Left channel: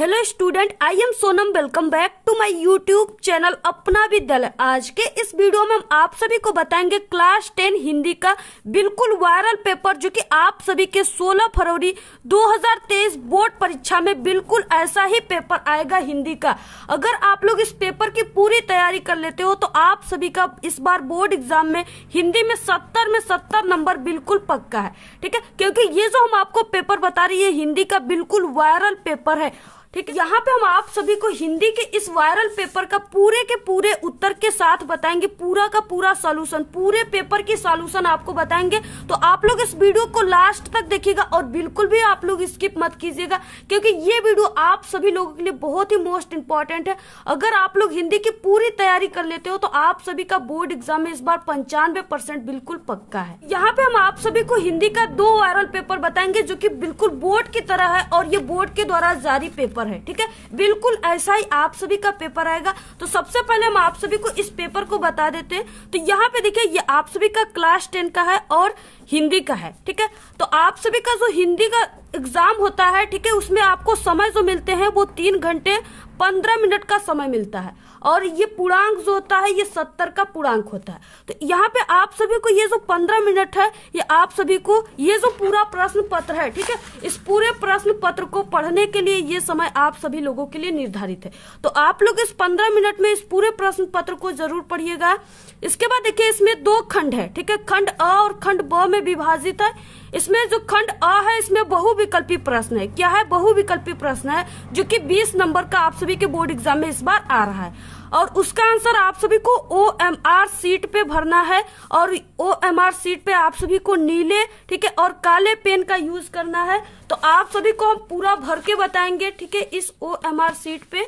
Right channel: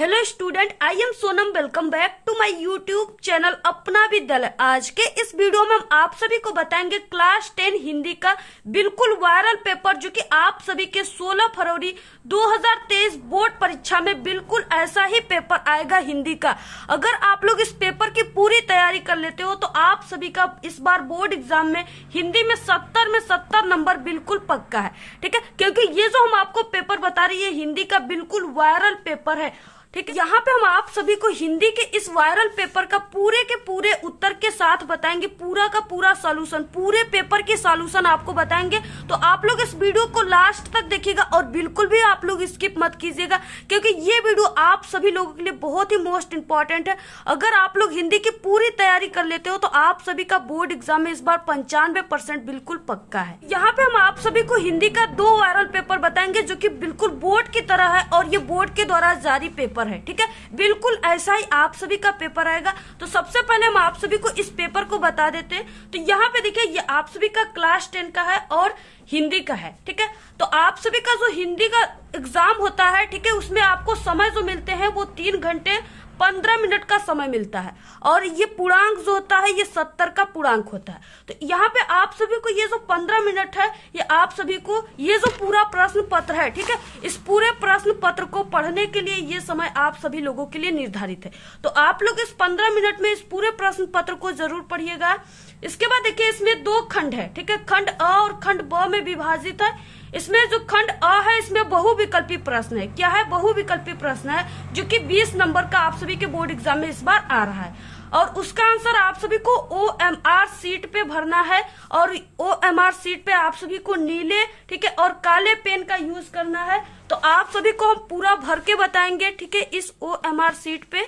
Hello student, I am Sonam. Welcome back to my YouTube channel Apna Vidyalaya. आज के इस video में हम आप सभी को बताएंगे क्लास 10 हिंदी का बिल्कुल वायरल पेपर, जो कि आप सभी के 16 फरवरी 2023 बोर्ड परीक्षा में बिल्कुल ऐसा ही पेपर आएगा हिंदी का। अगर आप लोग इस पेपर की पूरी तैयारी कर लेते हो तो आप सभी का इस बार बोर्ड एग्जाम में हिंदी में 70 नंबर बिल्कुल पक्का है। ठीक है, क्योंकि ये जो हम आपको पेपर बता रही है हिंदी का बिल्कुल वायरल पेपर है। ठीक है, यहाँ पे हम आप सभी को हिंदी के इस वायरल पेपर का पूरे के पूरे उत्तर के साथ बताएंगे, पूरा का पूरा सॉल्यूशन, पूरे पेपर के सॉल्यूशन आपको बताएंगे। तो आप लोग इस वीडियो को लास्ट तक देखिएगा और बिल्कुल भी आप लोग स्किप मत कीजिएगा, क्योंकि ये वीडियो आप सभी लोगों के लिए बहुत ही मोस्ट इंपॉर्टेंट है। अगर आप लोग हिंदी की पूरी तैयारी कर लेते हो तो आप सभी का बोर्ड एग्जाम में इस बार 95% बिल्कुल पक्का है। यहाँ पे हम आप सभी को हिंदी का 2 वायरल पेपर बताएंगे जो कि बिल्कुल बोर्ड की तरह है और ये बोर्ड के द्वारा जारी पेपर है। ठीक है, बिल्कुल ऐसा ही आप सभी का पेपर आएगा। तो सबसे पहले हम आप सभी को इस पेपर को बता देते हैं। तो यहाँ पे देखिए, ये आप सभी का क्लास 10 का है और हिंदी का है। ठीक है, तो आप सभी का जो हिंदी का एग्जाम होता है, ठीक है, उसमें आपको समय जो मिलते हैं वो 3 घंटे 15 मिनट का समय मिलता है और ये पूर्णांक जो होता है ये 70 का पूर्णांक होता है। तो यहाँ पे आप सभी को ये जो 15 मिनट है, ये आप सभी को ये जो पूरा प्रश्न पत्र है, ठीक है, इस पूरे प्रश्न पत्र को पढ़ने के लिए ये समय आप सभी लोगों के लिए निर्धारित है। तो आप लोग इस 15 मिनट में इस पूरे प्रश्न पत्र को जरूर पढ़िएगा। इसके बाद देखिए, इसमें 2 खंड है। ठीक है, खंड अ और खंड ब में विभाजित है। इसमें जो खंड अ है इसमें बहुविकल्पी प्रश्न है। क्या है? बहुविकल्पी प्रश्न है, जो कि 20 नंबर का आप सभी के बोर्ड एग्जाम में इस बार आ रहा है और उसका आंसर आप सभी को OMR सीट पे भरना है और OMR सीट पे आप सभी को नीले, ठीक है, और काले पेन का यूज करना है। तो आप सभी को हम पूरा भर के बताएंगे, ठीक है, इस OMR सीट पे।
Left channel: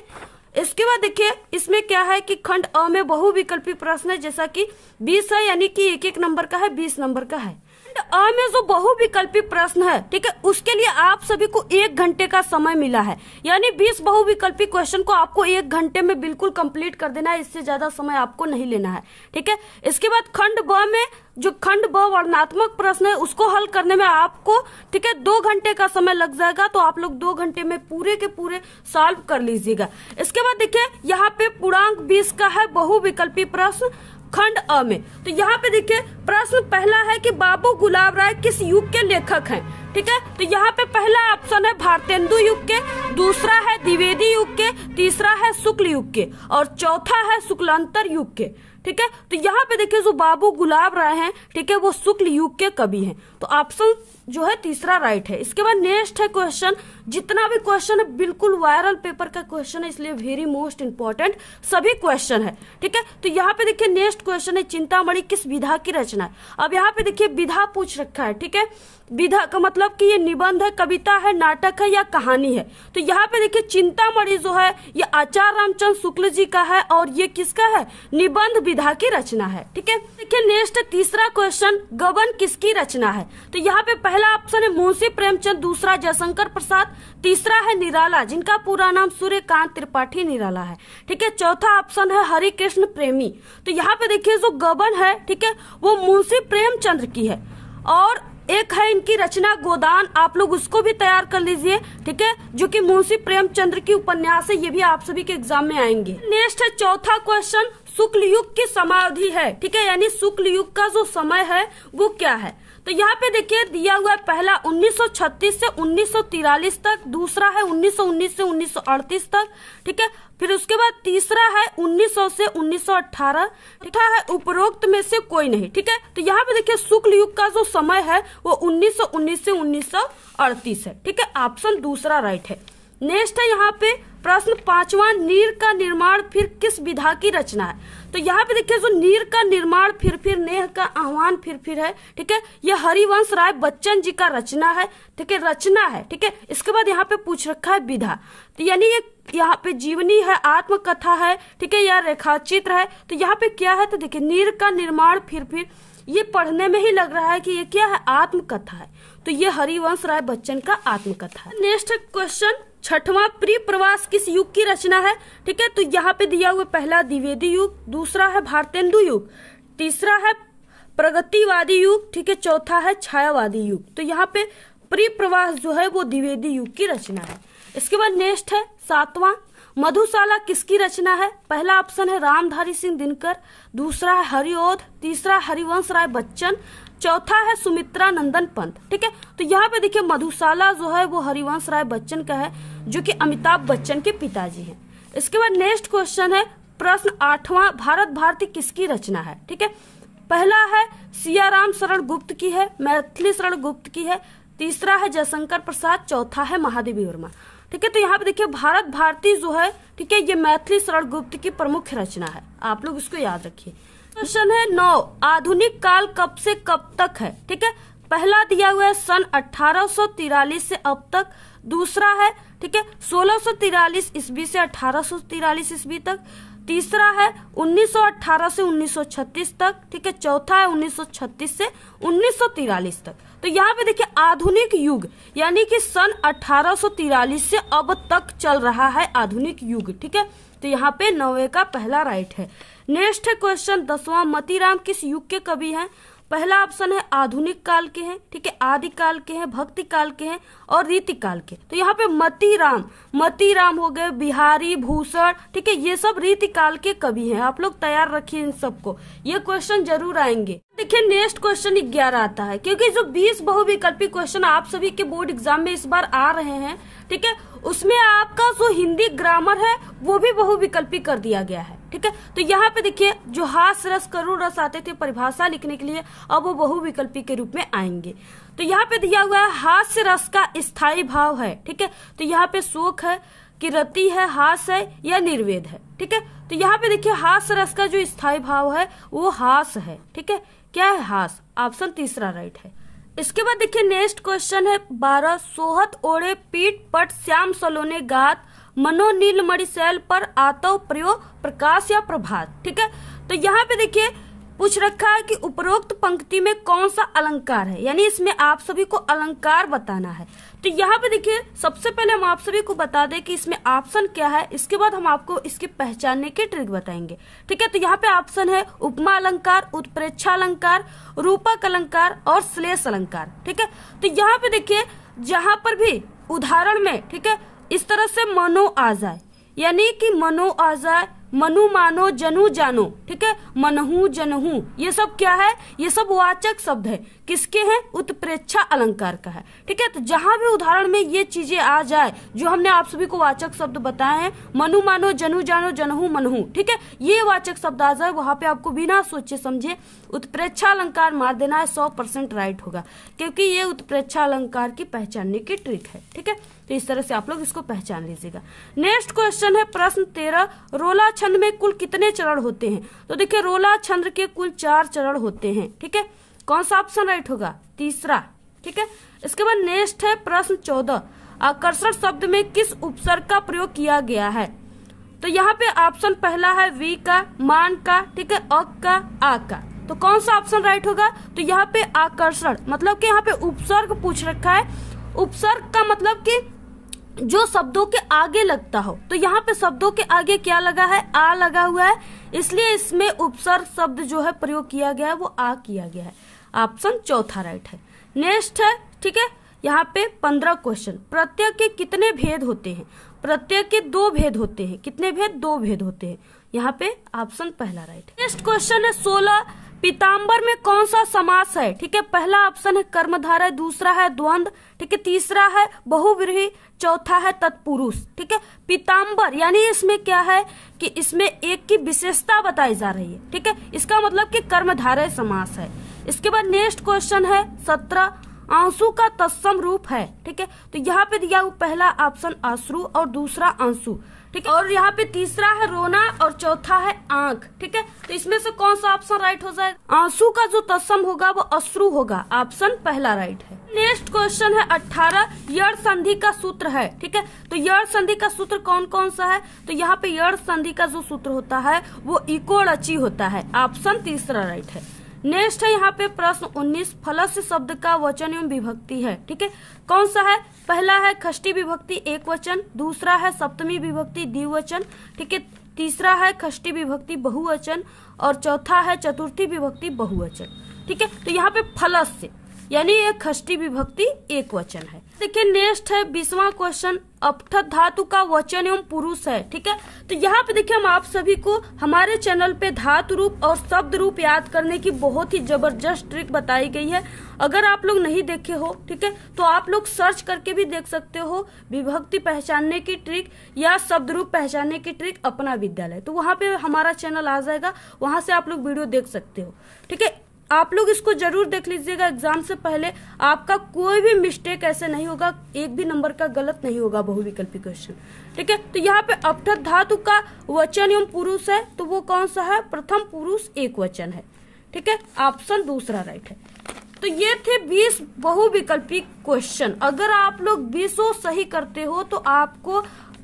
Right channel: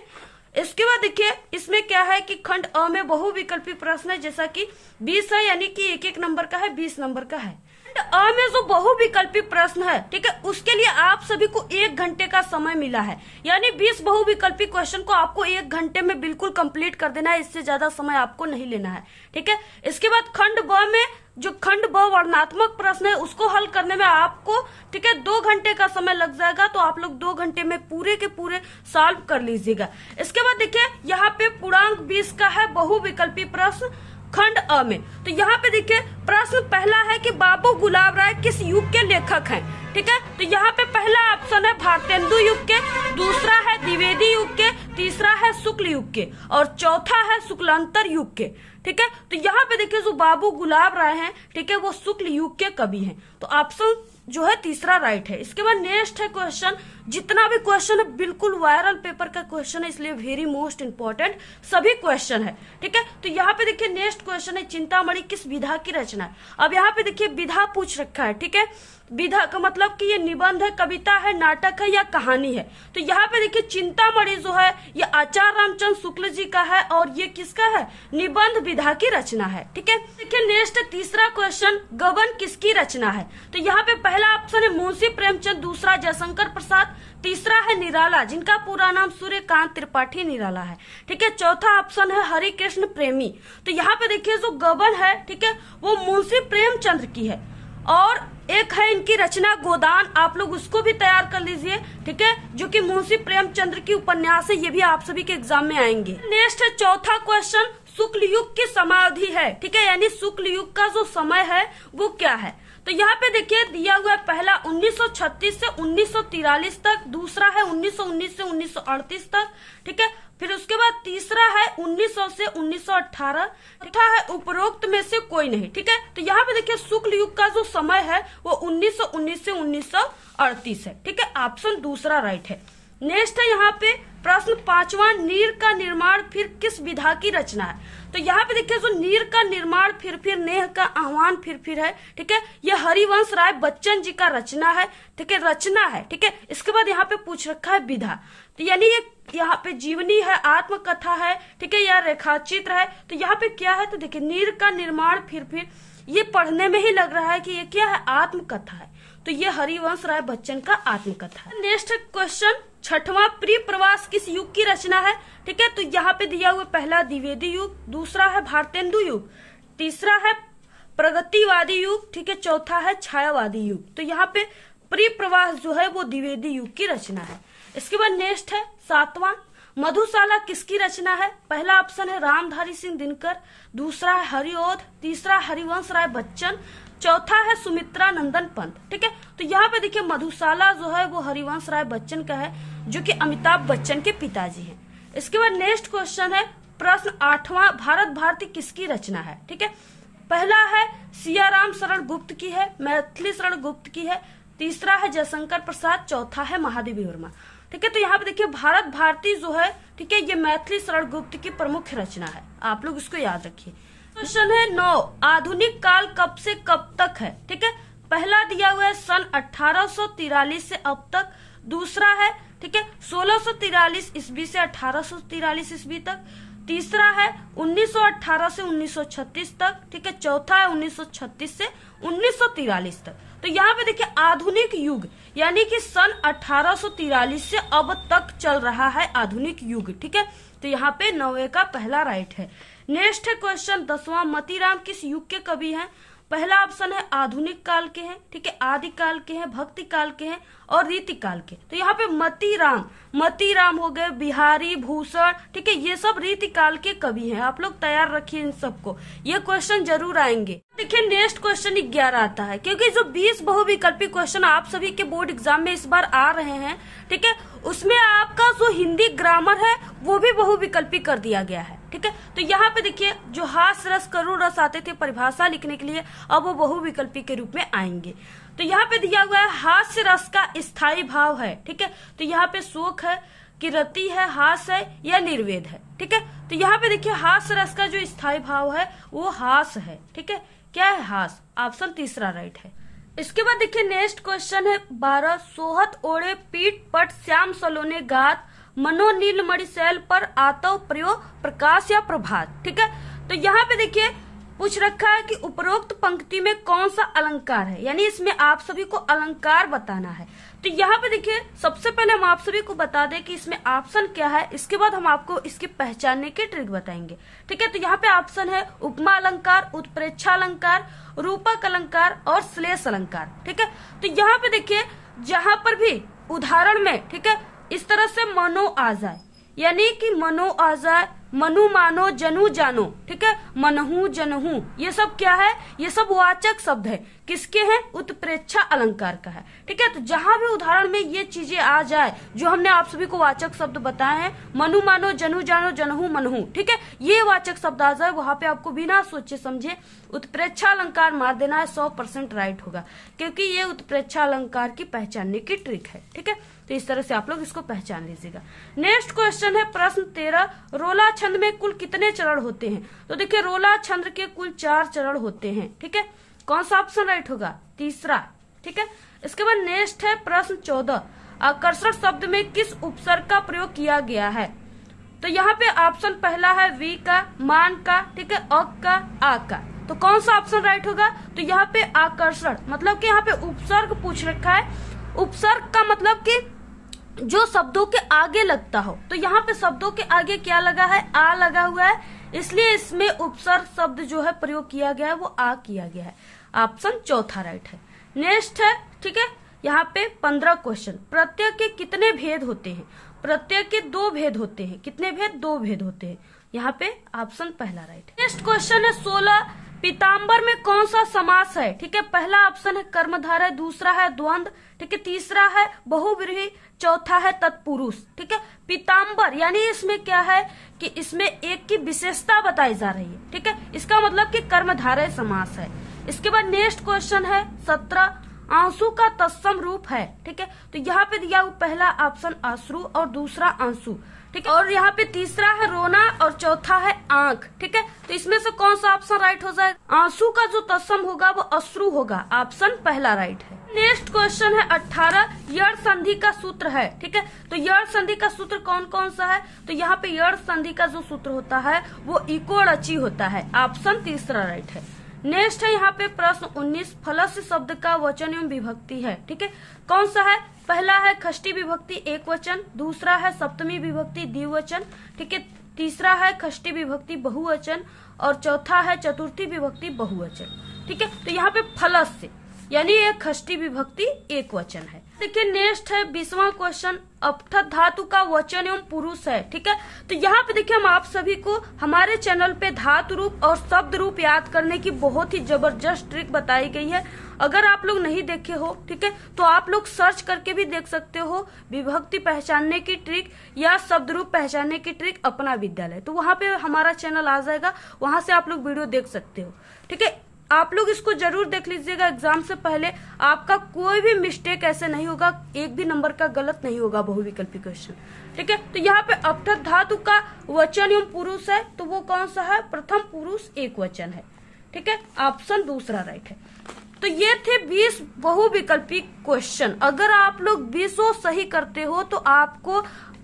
इसके बाद देखिए, इसमें क्या है कि खंड अ में बहुविकल्पी प्रश्न है, जैसा कि 20 है, यानी कि 1 नंबर का है, 20 नंबर का है। अ में जो बहुविकल्पी प्रश्न है, ठीक है, उसके लिए आप सभी को 1 घंटे का समय मिला है, यानी 20 बहुविकल्पी क्वेश्चन को आपको 1 घंटे में बिल्कुल कंप्लीट कर देना है। इससे ज्यादा समय आपको नहीं लेना है। ठीक है, इसके बाद खंड ब में जो खंड ब वर्णनात्मक प्रश्न है उसको हल करने में आपको, ठीक है, 2 घंटे का समय लग जाएगा। तो आप लोग 2 घंटे में पूरे के पूरे सॉल्व कर लीजिएगा। इसके बाद देखिए, यहाँ पे पूर्णांक 20 का है बहुविकल्पी प्रश्न खंड अ में। तो यहाँ पे देखिए, प्रश्न पहला है कि बाबू गुलाब राय किस युग के लेखक हैं। ठीक है, तो यहाँ पे पहला ऑप्शन है भारतेंदु युग के, दूसरा है द्विवेदी युग के, तीसरा है शुक्ल युग के और चौथा है शुक्लांतर युग के। ठीक है, तो यहाँ पे देखिए, जो बाबू गुलाब राय हैं, ठीक है, वो शुक्ल युग के कवि हैं। तो ऑप्शन जो है तीसरा राइट है। इसके बाद नेक्स्ट है क्वेश्चन। जितना भी क्वेश्चन है बिल्कुल वायरल पेपर का क्वेश्चन है, इसलिए वेरी मोस्ट इंपॉर्टेंट सभी क्वेश्चन है। ठीक है, तो यहाँ पे देखिए, नेक्स्ट क्वेश्चन है चिंतामणि किस विधा की रचना है। अब यहाँ पे देखिए, विधा पूछ रखा है। ठीक है, विधा का मतलब कि ये निबंध है, कविता है, नाटक है या कहानी है। तो यहाँ पे देखिए, चिंतामणि जो है ये आचार्य रामचंद्र शुक्ल जी का है और ये किसका है? निबंध विधा की रचना है। ठीक है, देखिए नेक्स्ट तीसरा क्वेश्चन, गबन किसकी रचना है। तो यहाँ पे पहला ऑप्शन है मुंशी प्रेमचंद, दूसरा जयशंकर प्रसाद, तीसरा है निराला, जिनका पूरा नाम सूर्यकांत त्रिपाठी निराला है। ठीक है, चौथा ऑप्शन है हरिकृष्ण प्रेमी। तो यहाँ पे देखिए, जो गबन है, ठीक है, वो मुंशी प्रेमचंद्र की है और एक है इनकी रचना गोदान, आप लोग उसको भी तैयार कर लीजिए। ठीक है, जो कि मुंशी प्रेमचंद्र की उपन्यास है, ये भी आप सभी के एग्जाम में आएंगे। नेक्स्ट है चौथा क्वेश्चन, शुक्ल युग की समाधि है। ठीक है, यानी शुक्ल युग का जो समय है वो क्या है। तो यहाँ पे देखिए, दिया हुआ है पहला 1936 से 1943 तक, दूसरा है 1919 से 1938 तक। ठीक है, फिर उसके बाद तीसरा है 1900 से 1918, चौथा है उपरोक्त में से कोई नहीं। ठीक है, तो यहाँ पे देखिए, शुक्ल युग का जो समय है वो 1919 से 1938 है। ठीक है, ऑप्शन दूसरा राइट है। नेक्स्ट है यहाँ पे प्रश्न 5वां, नीर का निर्माण फिर किस विधा की रचना है। तो यहाँ पे देखिए, जो नीर का निर्माण फिर नेह का आह्वान फिर है। ठीक है, ये हरिवंश राय बच्चन जी का रचना है। ठीक है, रचना है। ठीक है, इसके बाद यहाँ पे पूछ रखा है विधा, तो यानी ये यहाँ पे जीवनी है, आत्मकथा है, ठीक है, या रेखाचित्र है। तो यहाँ पे क्या है, तो देखिए, नीर का निर्माण फिर ये पढ़ने में ही लग रहा है कि ये क्या है, आत्मकथा है। तो ये हरिवंश राय बच्चन का आत्मकथा है। नेक्स्ट क्वेश्चन 6वां, प्रिय प्रवास किस युग की रचना है। ठीक है, तो यहाँ पे दिया हुआ पहला द्विवेदी युग, दूसरा है भारतेंदु युग, तीसरा है प्रगतिवादी युग, ठीक है, चौथा है छायावादी युग। तो यहाँ पे प्रिय प्रवास जो है वो द्विवेदी युग की रचना है। इसके बाद नेक्स्ट है 7वां, मधुशाला किसकी रचना है? पहला ऑप्शन है रामधारी सिंह दिनकर, दूसरा है हरिओध, तीसरा हरिवंश राय बच्चन, चौथा है सुमित्रा नंदन पंत। ठीक है, तो यहाँ पे देखिए मधुशाला जो है वो हरिवंश राय बच्चन का है, जो कि अमिताभ बच्चन के पिताजी हैं। इसके बाद नेक्स्ट क्वेश्चन है प्रश्न 8वां, भारत भारती किसकी रचना है? ठीक है, पहला है सियाराम शरण गुप्त की है, मैथिली शरण गुप्त की है, तीसरा है जयशंकर प्रसाद, चौथा है महादेवी वर्मा। ठीक है, तो यहाँ पे देखिए भारत भारती जो है, ठीक है, ये मैथिली शरण गुप्त की प्रमुख रचना है, आप लोग इसको याद रखिए। क्वेश्चन है 9, आधुनिक काल कब से कब तक है? ठीक है, पहला दिया हुआ है सन 1843 से अब तक, दूसरा है ठीक है 1643 ईस्वी से 1843 ईस्वी तक, तीसरा है 1918 से 1936 तक, ठीक है, चौथा है 1936 से 1943 तक। तो यहाँ पे देखिए आधुनिक युग यानी कि सन 1843 से अब तक चल रहा है आधुनिक युग। ठीक है, तो यहाँ पे 9वें का पहला राइट है। नेक्स्ट है क्वेश्चन 10वां, मतीराम किस युग के कवि हैं? पहला ऑप्शन है आधुनिक काल के हैं, ठीक है, आदि काल के हैं, भक्ति काल के हैं और रीति काल के। तो यहाँ पे मतीराम हो गए, बिहारी भूषण, ठीक है, ये सब रीति काल के कवि हैं। आप लोग तैयार रखिए इन सबको, ये क्वेश्चन जरूर आएंगे। देखिए नेक्स्ट क्वेश्चन 11 आता है, क्योंकि जो 20 बहुविकल्पी क्वेश्चन आप सभी के बोर्ड एग्जाम में इस बार आ रहे हैं, ठीक है, उसमें आपका जो हिंदी ग्रामर है वो भी बहुविकल्पी कर दिया गया है। ठीक है, तो यहाँ पे देखिए जो हास रस करुण रस आते थे परिभाषा लिखने के लिए, अब वो बहुविकल्पी के रूप में आएंगे। तो यहाँ पे दिया हुआ है हास्य रस का स्थायी भाव है, ठीक है, तो यहाँ पे शोक है, किरति है, हास है या निर्वेद है। ठीक है, तो यहाँ पे देखिए हास्य रस का जो स्थायी भाव है वो हास है। ठीक है, क्या है? हास। ऑप्शन तीसरा राइट है। इसके बाद देखिए नेक्स्ट क्वेश्चन है 12, सोहत ओढ़े पीठ पट श्याम सलोने गात, मनो नील मणिशैल पर आतव प्रयोग प्रकाश या प्रभात। ठीक है, तो यहाँ पे देखिए पूछ रखा है कि उपरोक्त पंक्ति में कौन सा अलंकार है, यानी इसमें आप सभी को अलंकार बताना है। तो यहाँ पे देखिए सबसे पहले हम आप सभी को बता दें कि इसमें ऑप्शन क्या है, इसके बाद हम आपको इसके पहचानने के ट्रिक बताएंगे। ठीक है, तो यहाँ पे ऑप्शन है उपमा अलंकार, उत्प्रेक्षा अलंकार, रूपक अलंकार और श्लेष अलंकार। ठीक है, तो यहाँ पे देखिए जहां पर भी उदाहरण में, ठीक है, इस तरह से मनो आ जाए, यानी कि मनो आ जाए, मनु मानो, जनु जानो, ठीक है, मनहू जनहू, ये सब क्या है? ये सब वाचक शब्द है, किसके हैं? उत्प्रेक्षा अलंकार का है। ठीक है, तो जहां भी उदाहरण में ये चीजें आ जाए जो हमने आप सभी को वाचक शब्द बताए हैं, मनु मानो, जनु जानो, जनहू मनहू, ठीक है, ये वाचक शब्द आ जाए, वहां पे आपको बिना सोचे समझे उत्प्रेक्षा अलंकार मार देना है, 100% राइट होगा, क्योंकि ये उत्प्रेक्षा अलंकार की पहचानने की ट्रिक है। ठीक है, तो इस तरह से आप लोग इसको पहचान लीजिएगा। नेक्स्ट क्वेश्चन है प्रश्न 13, रोला छंद में कुल कितने चरण होते हैं? तो देखिए रोला छंद के कुल 4 चरण होते हैं। ठीक है, कौन सा ऑप्शन राइट होगा? तीसरा। ठीक है, इसके बाद नेक्स्ट है प्रश्न 14, आकर्षण शब्द में किस उपसर्ग का प्रयोग किया गया है? तो यहाँ पे ऑप्शन पहला है वी का, मान का, ठीक है, अक का, आ का। तो कौन सा ऑप्शन राइट होगा? तो यहाँ पे आकर्षण मतलब कि यहाँ पे उपसर्ग पूछ रखा है। उपसर्ग का मतलब कि जो शब्दों के आगे लगता हो, तो यहाँ पे शब्दों के आगे क्या लगा है? आ लगा हुआ है, इसलिए इसमें उपसर्ग शब्द जो है प्रयोग किया गया है वो आ किया गया है। ऑप्शन चौथा राइट है। नेक्स्ट है, ठीक है, यहाँ पे 15 क्वेश्चन, प्रत्यय के कितने भेद होते हैं? प्रत्यय के 2 भेद होते हैं। कितने भेद? 2 भेद होते हैं। यहाँ पे ऑप्शन पहला राइट है। नेक्स्ट क्वेश्चन है 16, पीताम्बर में कौन सा समास है? ठीक है, पहला ऑप्शन है कर्मधारय, दूसरा है द्वंद्व, ठीक है, तीसरा है बहुव्रीहि, चौथा है तत्पुरुष। ठीक है, पीताम्बर यानी इसमें क्या है कि इसमें एक की विशेषता बताई जा रही है। ठीक है, इसका मतलब कि कर्मधारय समास है। इसके बाद नेक्स्ट क्वेश्चन है 17, आंसू का तत्सम रूप है। ठीक है, तो यहाँ पे दिया पहला ऑप्शन अश्रु और दूसरा आंसू, ठीक है, और यहाँ पे तीसरा है रोना और चौथा है आंख। ठीक है, तो इसमें से कौन सा ऑप्शन राइट हो जाएगा? आंसू का जो तत्सम होगा वो अश्रु होगा। ऑप्शन पहला राइट है। नेक्स्ट क्वेश्चन है 18, यड़ संधि का सूत्र है। ठीक है, तो यड़ संधि का सूत्र कौन कौन सा है? तो यहाँ पे यड़ संधि का जो सूत्र होता है वो इको रची होता है। ऑप्शन तीसरा राइट है। नेक्स्ट है यहाँ पे प्रश्न 19, फलस्य शब्द का वचन एवं विभक्ति है। ठीक है, कौन सा है? पहला है खष्टी विभक्ति एक वचन, दूसरा है सप्तमी विभक्ति द्विवचन, ठीक है, तीसरा है खष्टी विभक्ति बहुवचन और चौथा है चतुर्थी विभक्ति बहुवचन। ठीक है, तो यहाँ पे फलस्य यानी ये षष्ठी विभक्ति एक वचन है। देखिए नेक्स्ट है 20वां क्वेश्चन, अपठत धातु का वचन एवं पुरुष है। ठीक है, तो यहाँ पे देखिए हम आप सभी को हमारे चैनल पे धातु रूप और शब्द रूप याद करने की बहुत ही जबरदस्त ट्रिक बताई गई है। अगर आप लोग नहीं देखे हो, ठीक है, तो आप लोग सर्च करके भी देख सकते हो, विभक्ति पहचानने की ट्रिक या शब्द रूप पहचानने की ट्रिक अपना विद्यालय, तो वहाँ पे हमारा चैनल आ जाएगा, वहां से आप लोग वीडियो देख सकते हो। ठीक है, आप लोग इसको जरूर देख लीजिएगा, एग्जाम से पहले आपका कोई भी मिस्टेक ऐसे नहीं होगा, एक भी नंबर का गलत नहीं होगा बहुविकल्पी क्वेश्चन। ठीक है, तो यहाँ पे अपठत धातु का वचन एवं पुरुष है, तो वो कौन सा है, प्रथम पुरुष एक वचन है। ठीक है, ऑप्शन दूसरा राइट है। तो ये थे 20 बहुविकल्पी क्वेश्चन। अगर आप लोग 20 सही करते हो तो आपको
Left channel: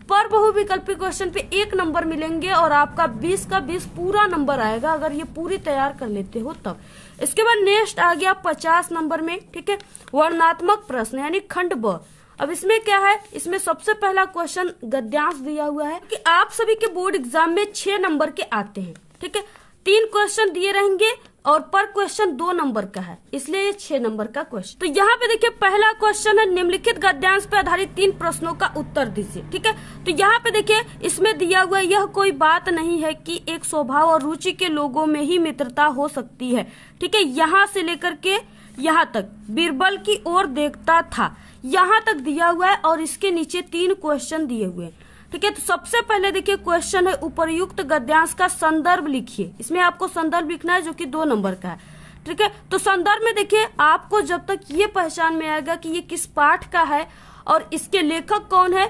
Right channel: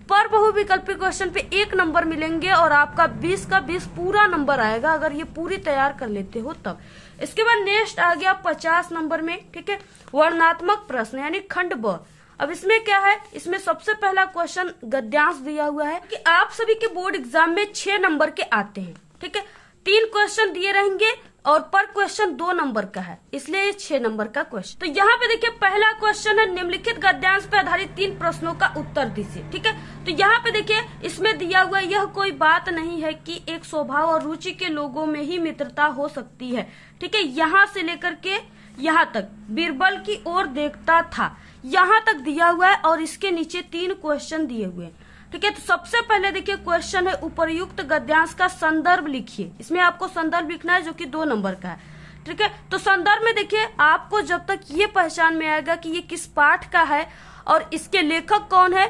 पर बहुविकल्पी क्वेश्चन पे 1 नंबर मिलेंगे और आपका 20 का 20 पूरा नंबर आएगा, अगर ये पूरी तैयार कर लेते हो तब। इसके बाद नेक्स्ट आ गया 50 नंबर में। ठीक है, वर्णनात्मक प्रश्न यानी खंड ब। अब इसमें क्या है, इसमें सबसे पहला क्वेश्चन गद्यांश दिया हुआ है कि आप सभी के बोर्ड एग्जाम में 6 नंबर के आते हैं। ठीक है, 3 क्वेश्चन दिए रहेंगे और पर क्वेश्चन 2 नंबर का है, इसलिए ये 6 नंबर का क्वेश्चन। तो यहाँ पे देखिए पहला क्वेश्चन है, निम्नलिखित गद्यांश पे आधारित 3 प्रश्नों का उत्तर दीजिए। ठीक है, तो यहाँ पे देखिए इसमें दिया हुआ यह कोई बात नहीं है कि एक स्वभाव और रुचि के लोगों में ही मित्रता हो सकती है। ठीक है, यहाँ से लेकर के यहाँ तक बीरबल की ओर देखता था, यहाँ तक दिया हुआ है और इसके नीचे 3 क्वेश्चन दिए हुए हैं। ठीक है, तो सबसे पहले देखिए क्वेश्चन है उपर्युक्त गद्यांश का संदर्भ लिखिए। इसमें आपको संदर्भ लिखना है जो कि 2 नंबर का है। ठीक है, तो संदर्भ में देखिए आपको जब तक ये पहचान में आएगा कि ये किस पाठ का है और इसके लेखक कौन है,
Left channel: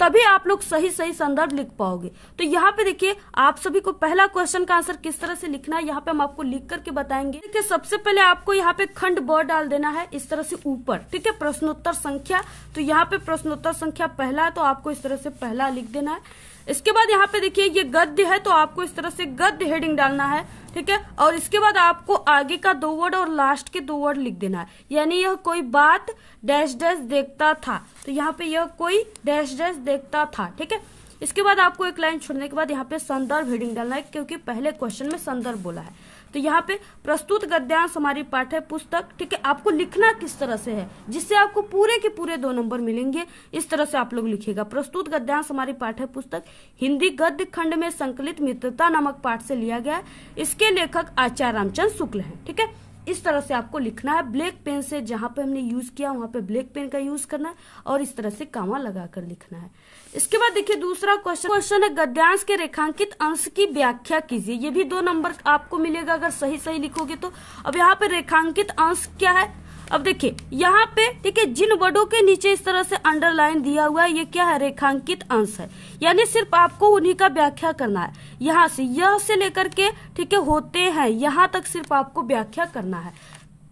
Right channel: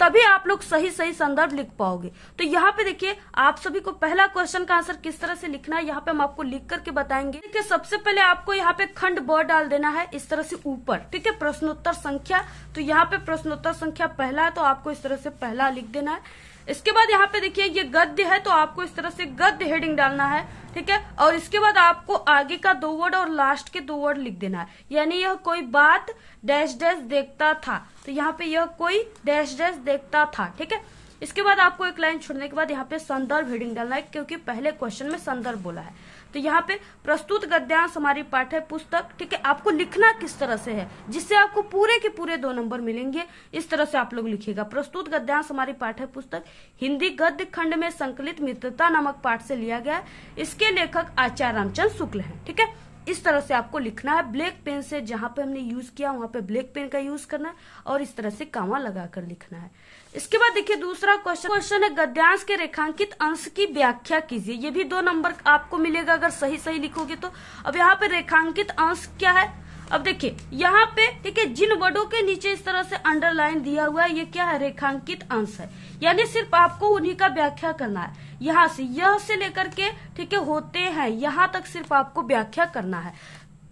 तभी आप लोग सही संदर्भ लिख पाओगे। तो यहाँ पे देखिए आप सभी को पहला क्वेश्चन का आंसर किस तरह से लिखना है, यहाँ पे हम आपको लिख करके बताएंगे। देखिए सबसे पहले आपको यहाँ पे खंड ब डाल देना है इस तरह से ऊपर। ठीक है, प्रश्नोत्तर संख्या, तो यहाँ पे प्रश्नोत्तर संख्या पहला है तो आपको इस तरह से पहला लिख देना है। इसके बाद यहाँ पे देखिए ये गद्य है तो आपको इस तरह से गद्य हेडिंग डालना है। ठीक है, और इसके बाद आपको आगे का 2 वर्ड और लास्ट के 2 वर्ड लिख देना है, यानी यह कोई बात डैश डैश देखता था, तो यहाँ पे यह कोई डैश डैश देखता था। ठीक है, इसके बाद आपको एक लाइन छोड़ने के बाद यहाँ पे संदर्भ हेडिंग डालना है, क्योंकि पहले क्वेश्चन में संदर्भ बोला है। तो यहाँ पे प्रस्तुत गद्यांश हमारी पाठ्य पुस्तक। ठीक है, आपको लिखना किस तरह से है जिससे आपको पूरे के पूरे 2 नंबर मिलेंगे, इस तरह से आप लोग लिखिएगा। प्रस्तुत गद्यांश हमारी पाठ्य पुस्तक हिंदी गद्य खंड में संकलित मित्रता नामक पाठ से लिया गया है, इसके लेखक आचार्य रामचंद्र शुक्ल हैं। ठीक है, इस तरह से आपको लिखना है। ब्लैक पेन से जहां पे हमने यूज किया वहां पे ब्लैक पेन का यूज करना है और इस तरह से कामा लगाकर लिखना है। इसके बाद देखिए दूसरा क्वेश्चन है गद्यांश के रेखांकित अंश की व्याख्या कीजिए। ये भी 2 नंबर आपको मिलेगा अगर सही लिखोगे तो। अब यहाँ पे रेखांकित अंश क्या है, अब देखिए यहाँ पे ठीक है जिन वर्डों के नीचे इस तरह से अंडरलाइन दिया हुआ है ये क्या है, रेखांकित अंश है, यानी सिर्फ आपको उन्हीं का व्याख्या करना है। यहाँ से यह से लेकर के ठीक है होते हैं यहाँ तक सिर्फ आपको व्याख्या करना है।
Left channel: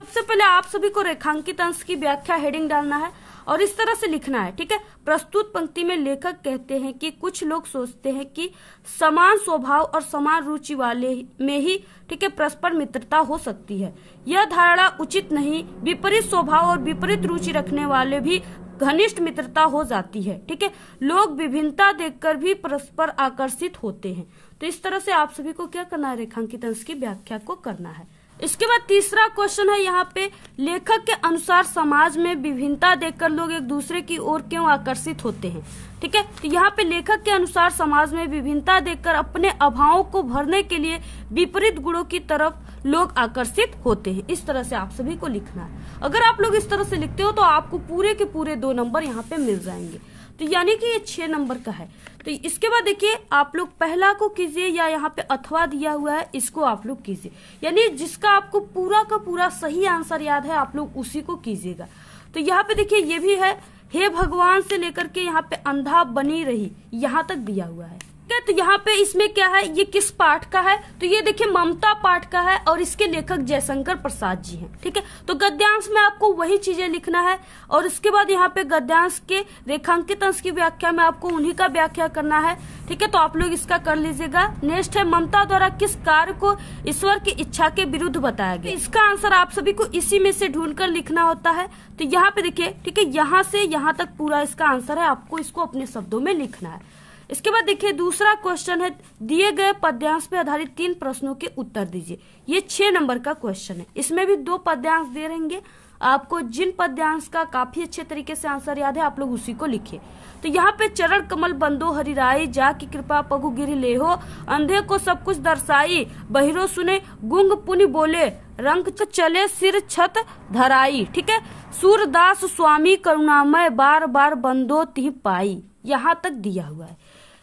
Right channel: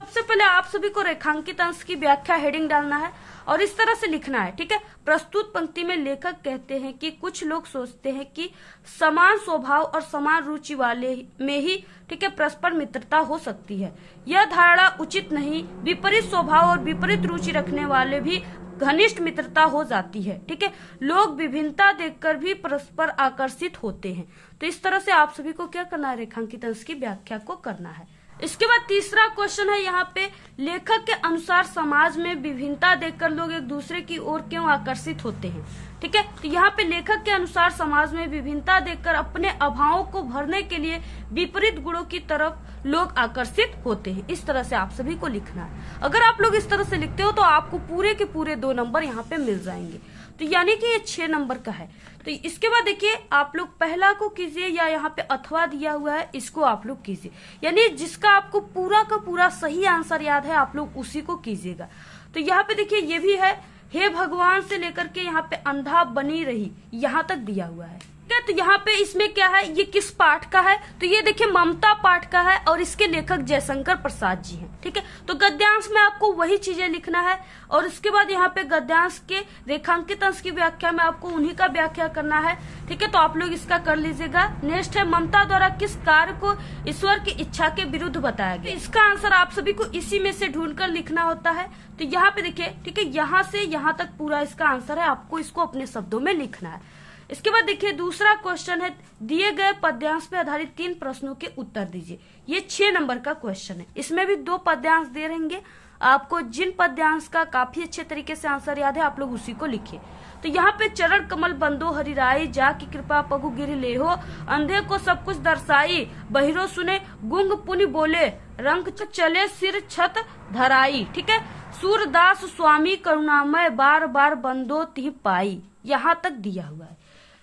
सबसे पहले आप सभी को रेखांकित अंश की व्याख्या हेडिंग डालना है और इस तरह से लिखना है। ठीक है, प्रस्तुत पंक्ति में लेखक कहते हैं कि कुछ लोग सोचते हैं कि समान स्वभाव और समान रुचि वाले में ही ठीक है परस्पर मित्रता हो सकती है। यह धारणा उचित नहीं, विपरीत स्वभाव और विपरीत रुचि रखने वाले भी घनिष्ठ मित्रता हो जाती है। ठीक है, लोग विभिन्नता देखकर भी परस्पर आकर्षित होते हैं। तो इस तरह से आप सभी को क्या करना है, रेखांकित अंश की व्याख्या को करना है। इसके बाद तीसरा क्वेश्चन है यहाँ पे लेखक के अनुसार समाज में विभिन्नता देखकर लोग एक दूसरे की ओर क्यों आकर्षित होते हैं। ठीक है, तो यहाँ पे लेखक के अनुसार समाज में विभिन्नता देखकर अपने अभावों को भरने के लिए विपरीत गुणों की तरफ लोग आकर्षित होते हैं। इस तरह से आप सभी को लिखना है। अगर आप लोग इस तरह से लिखते हो तो आपको पूरे के पूरे 2 नंबर यहाँ पे मिल जाएंगे। तो यानी कि ये 6 नंबर का है। तो इसके बाद देखिए आप लोग पहला को कीजिए या यहाँ पे अथवा दिया हुआ है इसको आप लोग कीजिए, यानी जिसका आपको पूरा का पूरा सही आंसर याद है आप लोग उसी को कीजिएगा। तो यहाँ पे देखिए ये भी है, हे भगवान से लेकर के यहाँ पे अंधा बनी रही यहाँ तक दिया हुआ है। तो यहाँ पे इसमें क्या है, ये किस पाठ का है, तो ये देखिए ममता पाठ का है और इसके लेखक जयशंकर प्रसाद जी हैं। ठीक है, तो गद्यांश में आपको वही चीजें लिखना है और उसके बाद यहाँ पे गद्यांश के रेखांकित अंश की व्याख्या में आपको उन्हीं का व्याख्या करना है। ठीक है, तो आप लोग इसका कर लीजिएगा। नेक्स्ट है ममता द्वारा किस कार्य को ईश्वर की इच्छा के विरुद्ध बताया गया। इसका आंसर आप सभी को इसी में से ढूंढकर लिखना होता है। तो यहाँ पे देखिए ठीक है यहाँ से यहाँ तक पूरा इसका आंसर है, आपको इसको अपने शब्दों में लिखना है। इसके बाद देखिए दूसरा क्वेश्चन है दिए गए पद्यांश पे आधारित 3 प्रश्नों के उत्तर दीजिए। ये 6 नंबर का क्वेश्चन है, इसमें भी 2 पद्यांश दे रहेंगे। आपको जिन पद्यांश का काफी अच्छे तरीके से आंसर याद है आप लोग उसी को लिखे। तो यहाँ पे चरण कमल बंदो हरिराई, जा की कृपा पगु गिर लेहो, अंधे को सब कुछ दर्शाई, बहिरो सुने गुंग पुनि बोले, रंग चले सिर छत धराई। ठीक है, सूरदास स्वामी करुणामय, बार बार बंदो तिह पाई। यहाँ तक दिया हुआ है।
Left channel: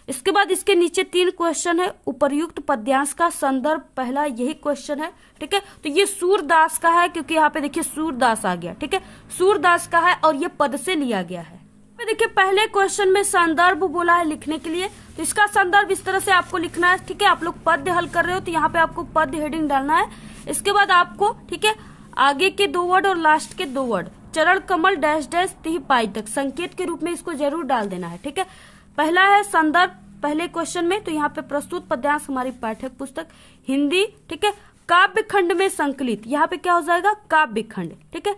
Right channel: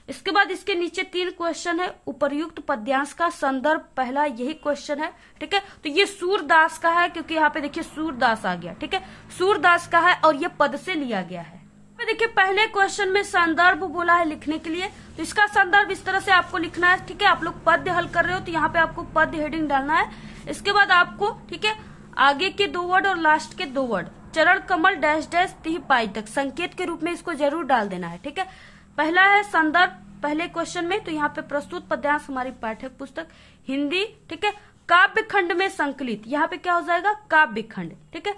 इसके बाद इसके नीचे 3 क्वेश्चन है। उपर्युक्त पद्यांश का संदर्भ पहला यही क्वेश्चन है। ठीक है, तो ये सूरदास का है क्योंकि यहाँ पे देखिए सूरदास आ गया। ठीक है, सूरदास का है और ये पद से लिया गया है। तो देखिए पहले क्वेश्चन में संदर्भ बोला है लिखने के लिए, तो इसका संदर्भ इस तरह से आपको लिखना है। ठीक है, आप लोग पद्य हल कर रहे हो तो यहाँ पे आपको पद्य हेडिंग डालना है। इसके बाद आपको ठीक है आगे के 2 वर्ड और लास्ट के 2 वर्ड चरण कमल डैश डैश तिह पाई तक संकेत के रूप में इसको जरूर डाल देना है। ठीक है, पहला है संदर्भ पहले क्वेश्चन में, तो यहाँ पे प्रस्तुत पद्यांश हमारी पाठ्य पुस्तक हिंदी। ठीक है, काव्य खंड में संकलित, यहाँ पे क्या हो जाएगा काव्य खंड। ठीक है,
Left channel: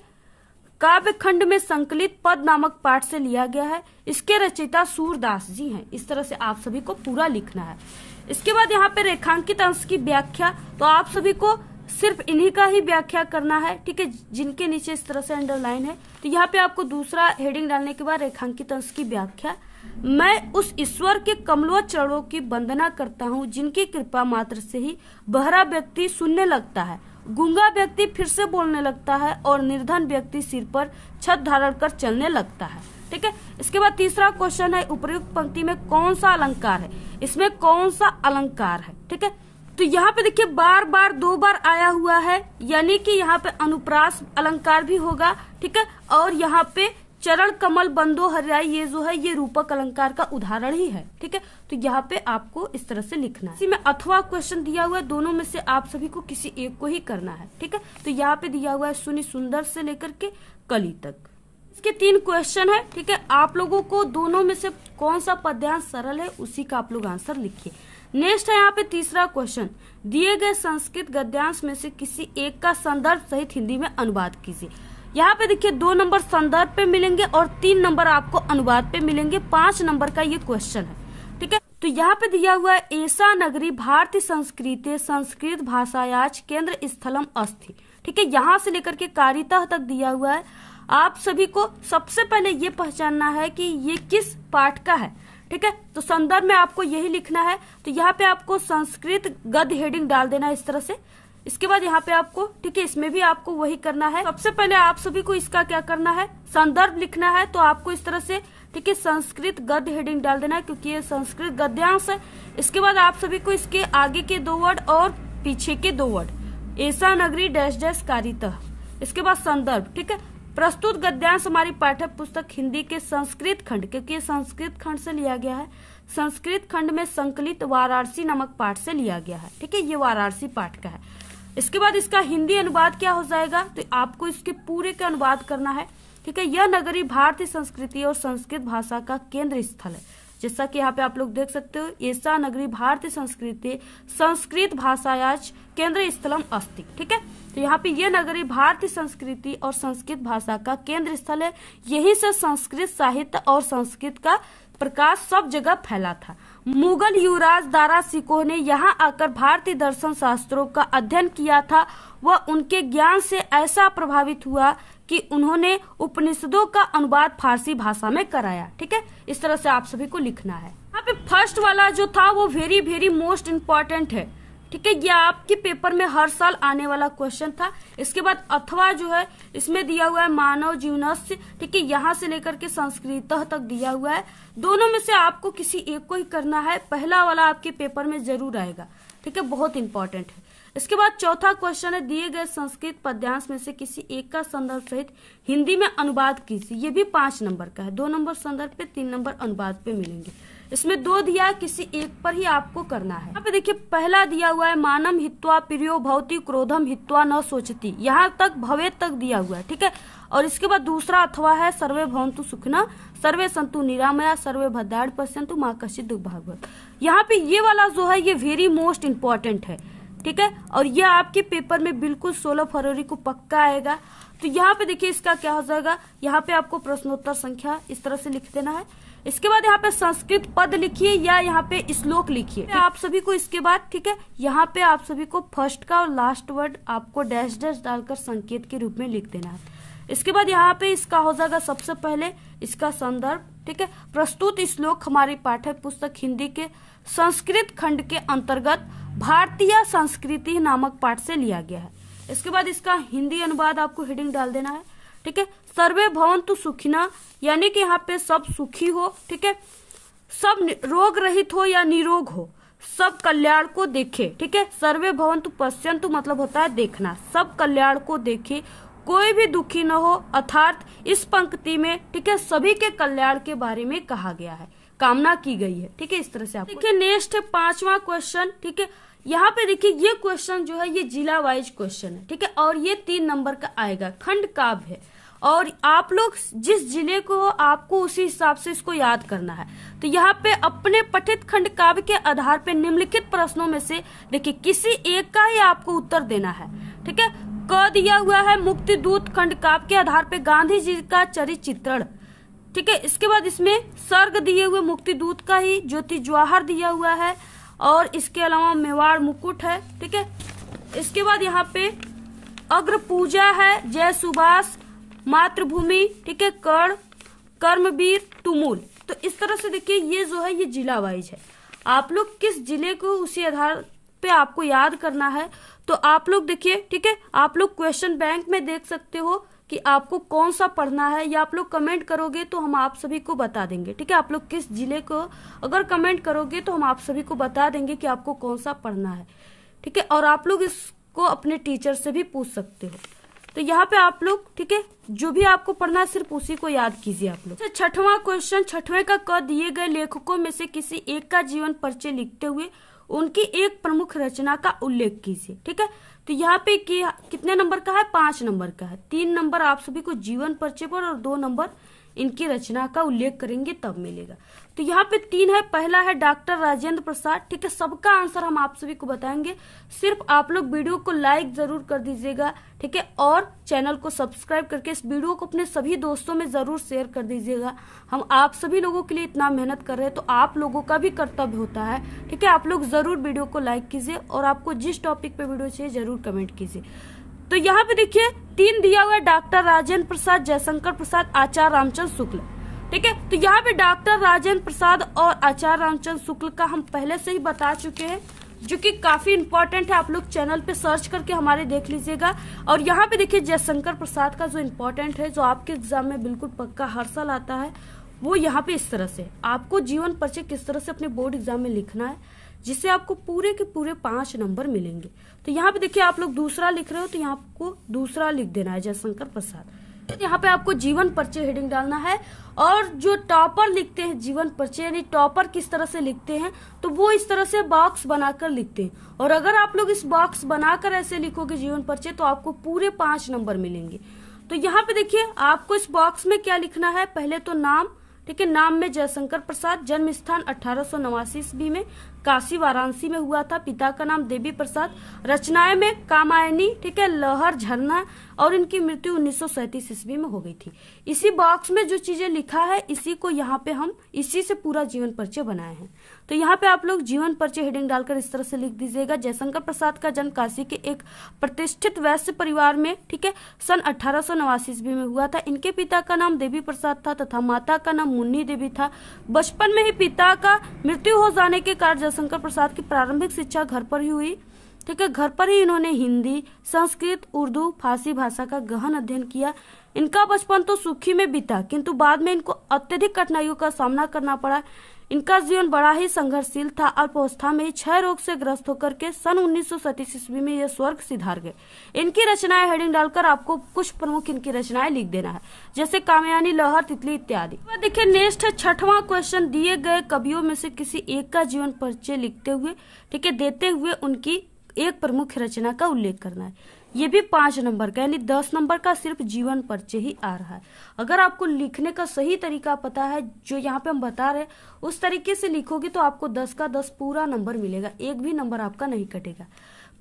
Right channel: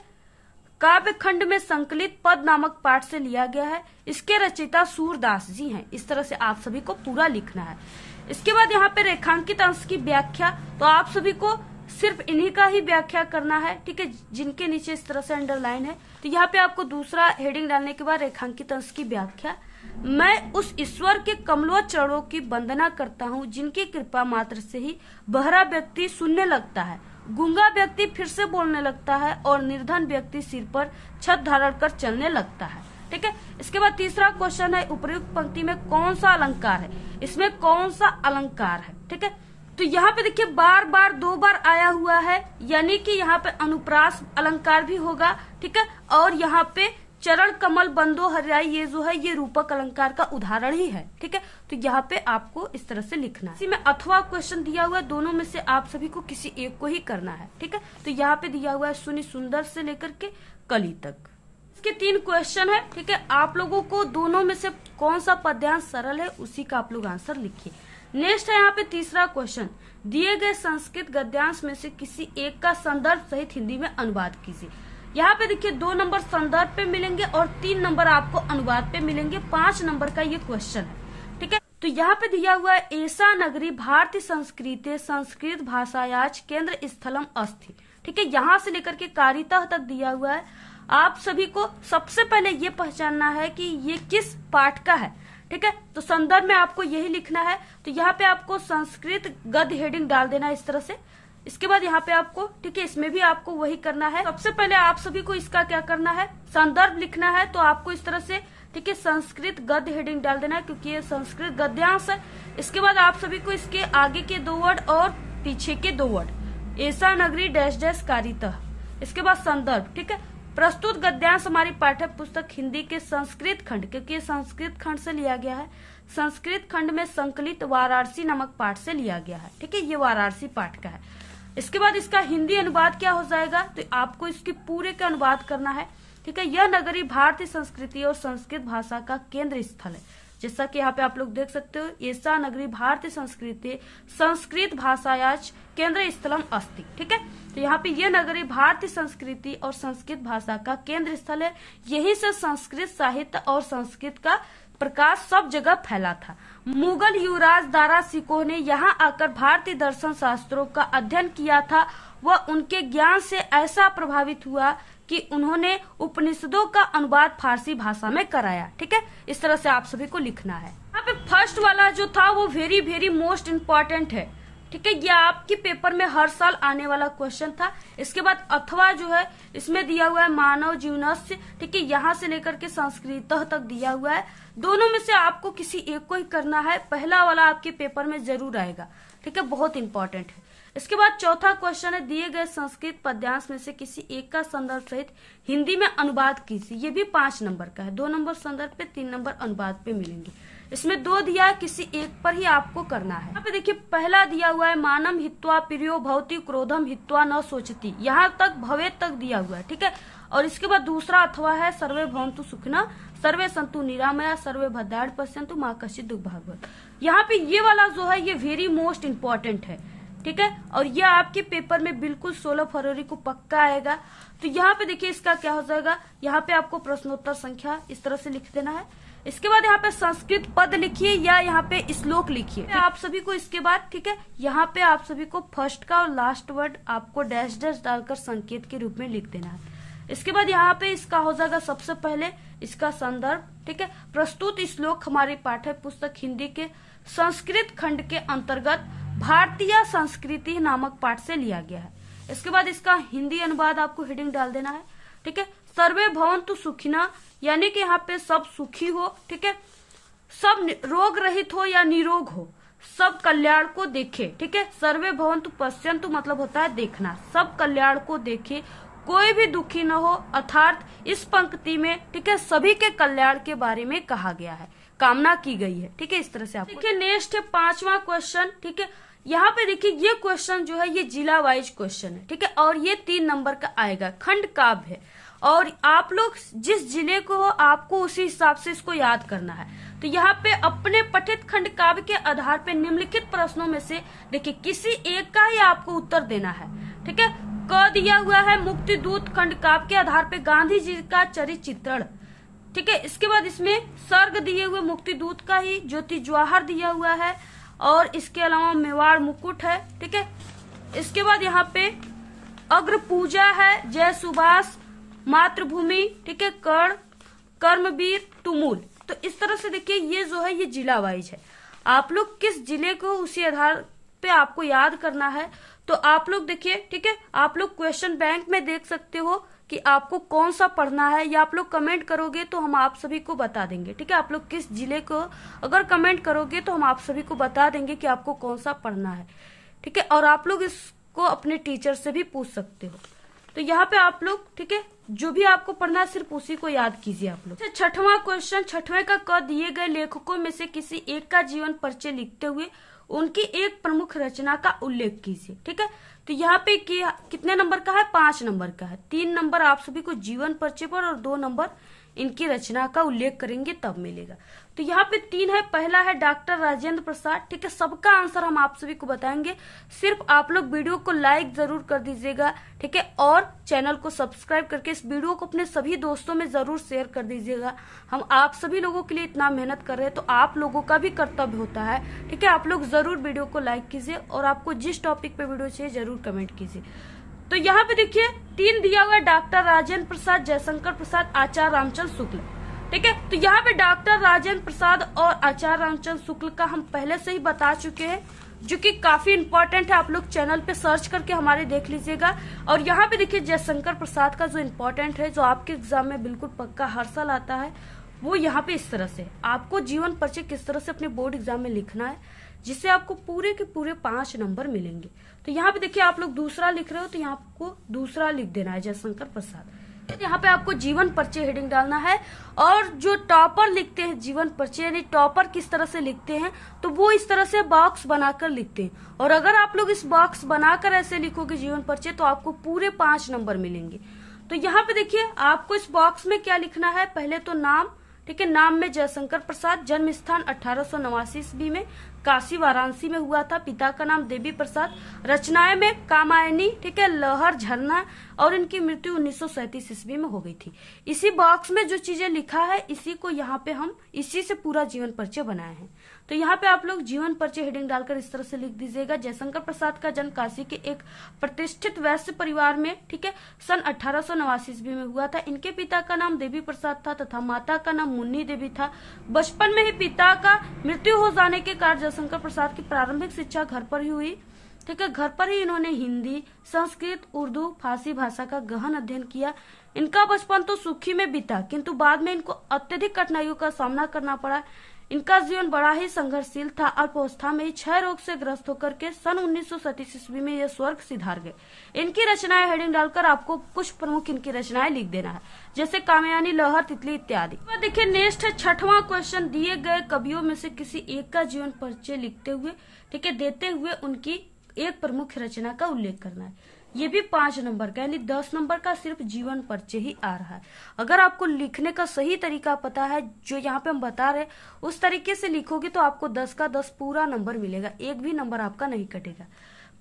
काव्य खंड में संकलित पद नामक पाठ से लिया गया है। इसके रचयिता सूरदास जी हैं। इस तरह से आप सभी को पूरा लिखना है। इसके बाद यहाँ पे रेखांकित अंश की व्याख्या, तो आप सभी को सिर्फ इन्हीं का ही व्याख्या करना है। ठीक है, जिनके नीचे इस तरह से अंडरलाइन है, तो यहाँ पे आपको दूसरा हेडिंग डालने के बाद रेखांकित अंश की व्याख्या। मैं उस ईश्वर के कमलों चरणों की वंदना करता हूँ जिनकी कृपा मात्र से ही बहरा व्यक्ति सुनने लगता है, गूंगा व्यक्ति फिर से बोलने लगता है और निर्धन व्यक्ति सिर पर छत धारण कर चलने लगता है। ठीक है, इसके बाद तीसरा क्वेश्चन है उपर्युक्त पंक्ति में कौन सा अलंकार है, इसमें कौन सा अलंकार है। ठीक है, तो यहाँ पे देखिए बार बार 2 बार आया हुआ है, यानी कि यहाँ पे अनुप्रास अलंकार भी होगा। ठीक है, और यहाँ पे चरण कमल बंदो हरियाई ये जो है ये रूपक अलंकार का उदाहरण ही है। ठीक है, तो यहाँ पे आपको इस तरह से लिखना है। इसी में अथवा क्वेश्चन दिया हुआ है, दोनों में से आप सभी को किसी एक को ही करना है। ठीक है, तो यहाँ पे दिया हुआ है सुनी सुंदर से लेकर के कली तक। इसके 3 क्वेश्चन है। ठीक है, आप लोगों को दोनों में से कौन सा पद्यांश सरल है उसी का आप लोग आंसर लिखिए। नेक्स्ट है यहाँ पे तीसरा क्वेश्चन, दिए गए संस्कृत गद्यांश में से किसी एक का संदर्भ सहित हिंदी में अनुवाद कीजिए। यहाँ पे देखिए 2 नंबर संदर्भ पे मिलेंगे और 3 नंबर आपको अनुवाद पे मिलेंगे। 5 नंबर का ये क्वेश्चन है। ठीक है, तो यहाँ पे दिया हुआ है ऐसा नगरी भारतीय संस्कृति संस्कृत भाषायाच केंद्र स्थलम अस्ति। ठीक है, यहाँ से लेकर के कारिता तक दिया हुआ है। आप सभी को सबसे पहले ये पहचानना है कि ये किस पाठ का है। ठीक है, तो संदर्भ में आपको यही लिखना है। तो यहाँ पे आपको संस्कृत गद्य हेडिंग डाल देना इस तरह से। इसके बाद यहाँ पे आपको ठीक है इसमें भी आपको वही करना है। सबसे पहले आप सभी को इसका क्या करना है संदर्भ लिखना है, तो आपको इस तरह से ठीक है संस्कृत गद्य हेडिंग डाल देना है क्योंकि ये संस्कृत गद्यांश है। इसके बाद आप सभी को इसके आगे के 2 वर्ड और पीछे के 2 वर्ड ऐसा नगरी डैश डैश कारिता, इसके बाद संदर्भ। ठीक है, प्रस्तुत गद्यांश हमारी पाठ्य पुस्तक हिंदी के संस्कृत खंड, क्योंकि ये संस्कृत खंड से लिया गया है, संस्कृत खंड में संकलित वाराणसी नामक पाठ से लिया गया है। ठीक है, ये वाराणसी पाठ का है। इसके बाद इसका हिंदी अनुवाद क्या हो जाएगा, तो आपको इसके पूरे का अनुवाद करना है। ठीक है, यह नगरी भारतीय संस्कृति और संस्कृत भाषा का केंद्र स्थल है। जैसा कि यहाँ पे आप लोग देख सकते हो, ऐसा नगरी भारतीय संस्कृति संस्कृत भाषायाच केंद्र स्थलम अस्ति। ठीक है, तो यहाँ पे ये नगरी भारतीय संस्कृति और संस्कृत भाषा का केंद्र स्थल है। यहीं से संस्कृत साहित्य और संस्कृत का प्रकाश सब जगह फैला था। मुगल युवराज दारा सिकोह ने यहाँ आकर भारतीय दर्शन शास्त्रों का अध्ययन किया था। वह उनके ज्ञान से ऐसा प्रभावित हुआ कि उन्होंने उपनिषदों का अनुवाद फारसी भाषा में कराया। ठीक है, इस तरह से आप सभी को लिखना है। यहाँ पे फर्स्ट वाला जो था वो वेरी वेरी मोस्ट इम्पोर्टेंट है। ठीक है, ये आपके पेपर में हर साल आने वाला क्वेश्चन था। इसके बाद अथवा जो है इसमें दिया हुआ है मानव जीवनस्य। ठीक है, यहाँ से लेकर के संस्कृत तक दिया हुआ है। दोनों में से आपको किसी एक को ही करना है। पहला वाला आपके पेपर में जरूर आएगा। ठीक है, बहुत इंपॉर्टेंट है। इसके बाद चौथा क्वेश्चन है दिए गए संस्कृत पद्यांश में से किसी एक का संदर्भ सहित हिंदी में अनुवाद कीजिए। ये भी 5 नंबर का है। 2 नंबर संदर्भ पे, 3 नंबर अनुवाद पे मिलेंगे। इसमें 2 दिया है, किसी एक पर ही आपको करना है। यहाँ पे देखिए पहला दिया हुआ है मानम हित्वा प्रियो भवती क्रोधम हित्वा न सोचती, यहाँ तक भवे तक दिया हुआ है। ठीक है, और इसके बाद दूसरा अथवा है सर्वे भवन्तु सुखिनः सर्वे सन्तु निरामया सर्वे भद्राणि पश्यन्तु मा कश्चित् दुःखभाग् भवेत्। यहाँ पे ये वाला जो है ये वेरी मोस्ट इम्पोर्टेंट है। ठीक है, और ये आपके पेपर में बिल्कुल 16 फरवरी को पक्का आएगा। तो यहाँ पे देखिए इसका क्या हो जाएगा, यहाँ पे आपको प्रश्नोत्तर संख्या इस तरह से लिख देना है। इसके बाद यहाँ पे संस्कृत पद लिखिए या यहाँ पे श्लोक लिखिए आप सभी को। इसके बाद ठीक है, यहाँ पे आप सभी को फर्स्ट का और लास्ट वर्ड आपको डैश डैश डालकर संकेत के रूप में लिख देना है। इसके बाद यहाँ पे इसका हो जाएगा सबसे पहले इसका संदर्भ, ठीक है। प्रस्तुत श्लोक हमारी पाठ्य पुस्तक हिंदी के संस्कृत खंड के अंतर्गत भारतीय संस्कृति नामक पाठ से लिया गया है। इसके बाद इसका हिंदी अनुवाद आपको हेडिंग डाल देना है, ठीक है। सर्वे भवन्तु सुखिनः, यानी कि यहाँ पे सब सुखी हो, ठीक है, सब रोग रहित हो या निरोग हो, सब कल्याण को देखे, ठीक है। सर्वे भवन्तु पश्यन्तु मतलब होता है देखना, सब कल्याण को देखे, कोई भी दुखी न हो, अर्थात इस पंक्ति में, ठीक है, सभी के कल्याण के बारे में कहा गया है, कामना की गई है, ठीक है। इस तरह से आप देखिए नेक्स्ट है 5वां क्वेश्चन, ठीक है। यहाँ पे देखिए ये क्वेश्चन जो है ये जिला वाइज क्वेश्चन है, ठीक है, और ये 3 नंबर का आएगा। खंड काव्य है और आप लोग जिस जिले को हो आपको उसी हिसाब से इसको याद करना है। तो यहाँ पे अपने पठित खंड काव्य के आधार पे निम्नलिखित प्रश्नों में से देखिए किसी एक का ही आपको उत्तर देना है, ठीक है। क दिया हुआ है मुक्ति दूत खंड काव्य के आधार पे गांधी जी का चरित्र चित्रण, ठीक है। इसके बाद इसमें सर्ग दिए हुए मुक्ति दूत का ही ज्योति जवाहर दिया हुआ है और इसके अलावा मेवाड़ मुकुट है, ठीक है। इसके बाद यहाँ पे अग्र पूजा है, जय सुभाष, मातृभूमि, ठीक है, कर्ण, कर्मवीर, तुमुल। तो इस तरह से देखिए ये जो है ये जिला वाइज है। आप लोग किस जिले को उसी आधार पे आपको याद करना है। तो आप लोग देखिए, ठीक है, आप लोग क्वेश्चन बैंक में देख सकते हो कि आपको कौन सा पढ़ना है, या आप लोग कमेंट करोगे तो हम आप सभी को बता देंगे, ठीक है। आप लोग किस जिले को अगर कमेंट करोगे तो हम आप सभी को बता देंगे कि आपको कौन सा पढ़ना है, ठीक है। और आप लोग इसको अपने टीचर से भी पूछ सकते हो। तो यहाँ पे आप लोग, ठीक है, जो भी आपको पढ़ना है सिर्फ उसी को याद कीजिए आप लोग। 6वां क्वेश्चन, 6वें का क दिए गए लेखकों में से किसी एक का जीवन परिचय लिखते हुए उनकी एक प्रमुख रचना का उल्लेख कीजिए, ठीक है। तो यहाँ पे कितने नंबर का है, 5 नंबर का है। 3 नंबर आप सभी को जीवन परिचय पर और 2 नंबर इनकी रचना का उल्लेख करेंगे तब मिलेगा। तो यहाँ पे 3 है, पहला है डॉक्टर राजेंद्र प्रसाद, ठीक है। सबका आंसर हम आप सभी को बताएंगे, सिर्फ आप लोग वीडियो को लाइक जरूर कर दीजिएगा, ठीक है, और चैनल को सब्सक्राइब करके इस वीडियो को अपने सभी दोस्तों में जरूर शेयर कर दीजिएगा। हम आप सभी लोगों के लिए इतना मेहनत कर रहे हैं तो आप लोगों का भी कर्तव्य होता है, ठीक है। आप लोग जरूर वीडियो को लाइक कीजिए और आपको जिस टॉपिक पे वीडियो चाहिए जरूर कमेंट कीजिए। तो यहाँ पे देखिए 3 दिया हुआ है, डॉक्टर राजेंद्र प्रसाद, जयशंकर प्रसाद, आचार्य रामचंद्र शुक्ल, ठीक है। तो यहाँ पे डॉक्टर राजेंद्र प्रसाद और आचार्य रामचंद्र शुक्ल का हम पहले से ही बता चुके हैं, जो कि काफी इम्पोर्टेंट है। आप लोग चैनल पे सर्च करके हमारे देख लीजिएगा। और यहाँ पे देखिए जयशंकर प्रसाद का जो इम्पोर्टेंट है, जो आपके एग्जाम में बिल्कुल पक्का हर साल आता है, वो यहाँ पे इस तरह से आपको जीवन परिचय किस तरह से अपने बोर्ड एग्जाम में लिखना है, जिससे आपको पूरे के पूरे 5 नंबर मिलेंगे। तो यहाँ पे देखिए आप लोग दूसरा लिख रहे हो तो यहाँ आपको दूसरा लिख देना है, जयशंकर प्रसाद। यहाँ पे आपको जीवन परिचय हेडिंग डालना है। और जो टॉपर लिखते हैं जीवन परिचय, यानी टॉपर किस तरह से लिखते हैं, तो वो इस तरह से बॉक्स बनाकर लिखते हैं। और अगर आप लोग इस बॉक्स बनाकर ऐसे लिखोगे जीवन परिचय तो आपको पूरे 5 नंबर मिलेंगे। तो यहाँ पे देखिए आपको इस बॉक्स में क्या लिखना है, पहले तो नाम, ठीक है, नाम में जयशंकर प्रसाद, जन्म स्थान 1889 ईस्वी में काशी वाराणसी में हुआ था, पिता का नाम देवी प्रसाद, रचनाएं में कामायनी, ठीक है, लहर, झरना, और इनकी मृत्यु 1937 ईस्वी में हो गई थी। इसी बॉक्स में जो चीजें लिखा है इसी को यहाँ पे हम इसी से पूरा जीवन परिचय बनाए हैं। तो यहाँ पे आप लोग जीवन परिचय हेडिंग डालकर इस तरह से लिख दीजिएगा, जयशंकर प्रसाद का जन्म काशी के एक प्रतिष्ठित वैश्य परिवार में, ठीक है, सन 1889 ईस्वी में हुआ था। इनके पिता का नाम देवी प्रसाद था तथा माता का नाम मुन्नी देवी था। बचपन में ही पिता का मृत्यु हो जाने के कारण जयशंकर प्रसाद की प्रारंभिक शिक्षा घर पर ही हुई, ठीक है। घर पर ही इन्होंने हिंदी, संस्कृत, उर्दू, फारसी भाषा का गहन अध्ययन किया। इनका बचपन तो सुखी में बीता, किंतु बाद में इनको अत्यधिक कठिनाइयों का सामना करना पड़ा। इनका जीवन बड़ा ही संघर्षशील था। अल्पावस्था में ही क्षय रोग से ग्रस्त होकर के सन 1937 ईस्वी में ये स्वर्ग सिधार गए। इनकी रचनाएं हेडिंग डालकर आपको कुछ प्रमुख इनकी रचनाएं लिख देना है, जैसे कामयानी, लहर, तितली इत्यादि। देखिए नेक्स्ट है 6वां क्वेश्चन, दिए गए कवियों में से किसी एक का जीवन परिचय लिखते हुए, ठीक है, देते हुए उनकी एक प्रमुख रचना का उल्लेख करना है। ये भी 5 नंबर का, यानी 10 नंबर का सिर्फ जीवन परिचय ही आ रहा है। अगर आपको लिखने का सही तरीका पता है, जो यहाँ पे हम बता रहे उस तरीके से लिखोगे तो आपको 10 का 10 पूरा नंबर मिलेगा, एक भी नंबर आपका नहीं कटेगा।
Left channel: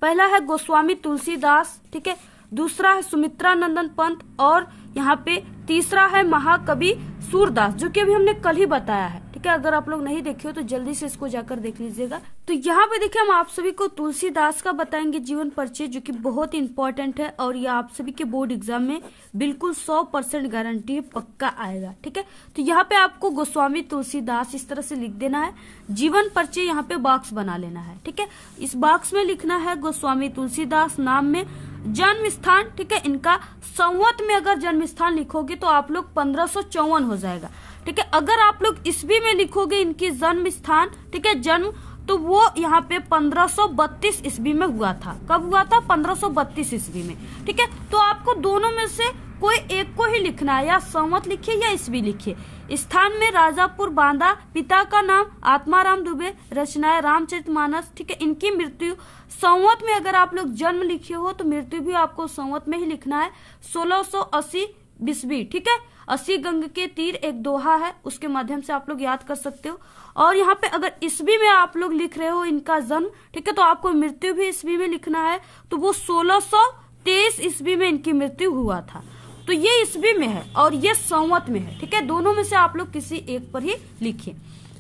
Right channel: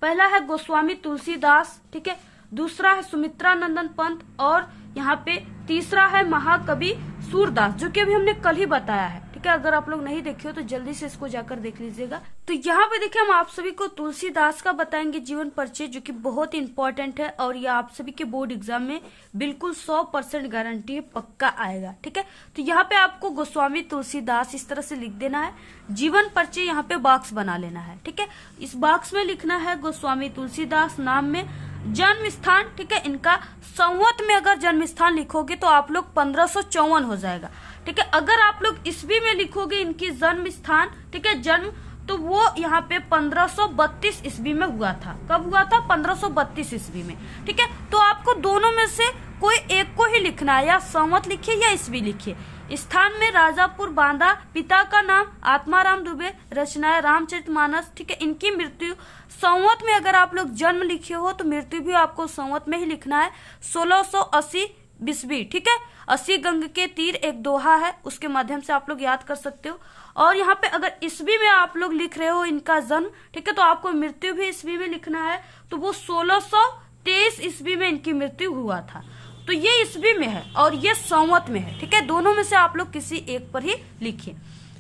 पहला है गोस्वामी तुलसीदास, ठीक है, दूसरा है सुमित्रा नंदन पंत और यहाँ पे तीसरा है महाकवि सूरदास, जो कि अभी हमने कल ही बताया है। ठीक है, अगर आप लोग नहीं देखे हो तो जल्दी से इसको जाकर देख लीजिएगा। तो यहाँ पे देखिए हम आप सभी को तुलसीदास का बताएंगे जीवन परिचय, जो कि बहुत इंपॉर्टेंट है और ये आप सभी के बोर्ड एग्जाम में बिल्कुल 100% गारंटी है, पक्का आएगा। ठीक है, तो यहाँ पे आपको गोस्वामी तुलसीदास इस तरह से लिख देना है। जीवन परिचय यहाँ पे बॉक्स बना लेना है। ठीक है, इस बॉक्स में लिखना है गोस्वामी तुलसीदास, नाम में जन्म स्थान, ठीक है, इनका संवत में अगर जन्म स्थान लिखोगे तो आप लोग 1554 हो जाएगा। ठीक है, अगर आप लोग ईस्वी में लिखोगे इनकी जन्म स्थान, ठीक है, जन्म, तो वो यहाँ पे 1532 ईस्वी में हुआ था। कब हुआ था? 1532 ईस्वी में। ठीक है, तो आपको दोनों में से कोई एक को ही लिखना है, या संवत लिखिए या ईस्वी लिखिए। स्थान में राजापुर बांदा, पिता का नाम आत्माराम दुबे, रचनाएं रामचरितमानस। ठीक है, इनकी मृत्यु संवत में अगर आप लोग जन्म लिखे हो तो मृत्यु भी आपको संवत में ही लिखना है, 1680 ईस्वी। ठीक है, 80 गंग के तीर एक दोहा है, उसके माध्यम से आप लोग याद कर सकते हो। और यहाँ पे अगर ईस्वी में आप लोग लिख रहे हो इनका जन्म, ठीक है, तो आपको मृत्यु भी ईस्वी में लिखना है, तो वो 1623 ईस्वी में इनकी मृत्यु हुआ था। तो ये ईस्वी में है और ये संवत में है। ठीक है, दोनों में से आप लोग किसी एक पर ही लिखिए।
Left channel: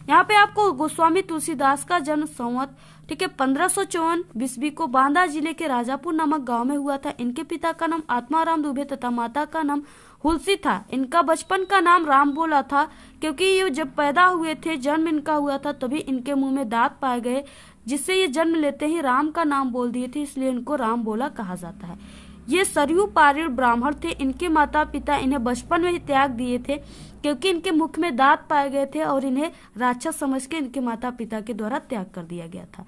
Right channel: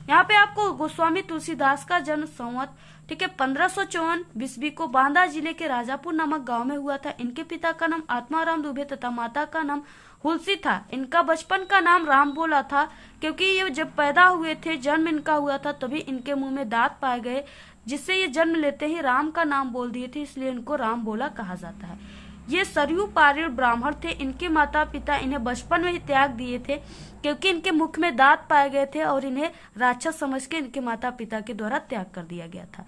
यहाँ पे आपको गोस्वामी तुलसीदास का जन्म संवत, ठीक है, 1554 ईस्वी को बांदा जिले के राजापुर नामक गांव में हुआ था। इनके पिता का नाम आत्माराम दुबे तथा माता का नाम हुलसी था। इनका बचपन का नाम राम बोला था, क्योंकि ये जब पैदा हुए थे, जन्म इनका हुआ था, तभी इनके मुंह में दांत पाए गए, जिससे ये जन्म लेते ही राम का नाम बोल दिए थे, इसलिए इनको राम बोला कहा जाता है। ये सरयू पारीण ब्राह्मण थे। इनके माता पिता इन्हें बचपन में ही त्याग दिए थे, क्योंकि इनके मुख में दांत पाए गए थे और इन्हें राक्षस समझ के इनके माता पिता के द्वारा त्याग कर दिया गया था।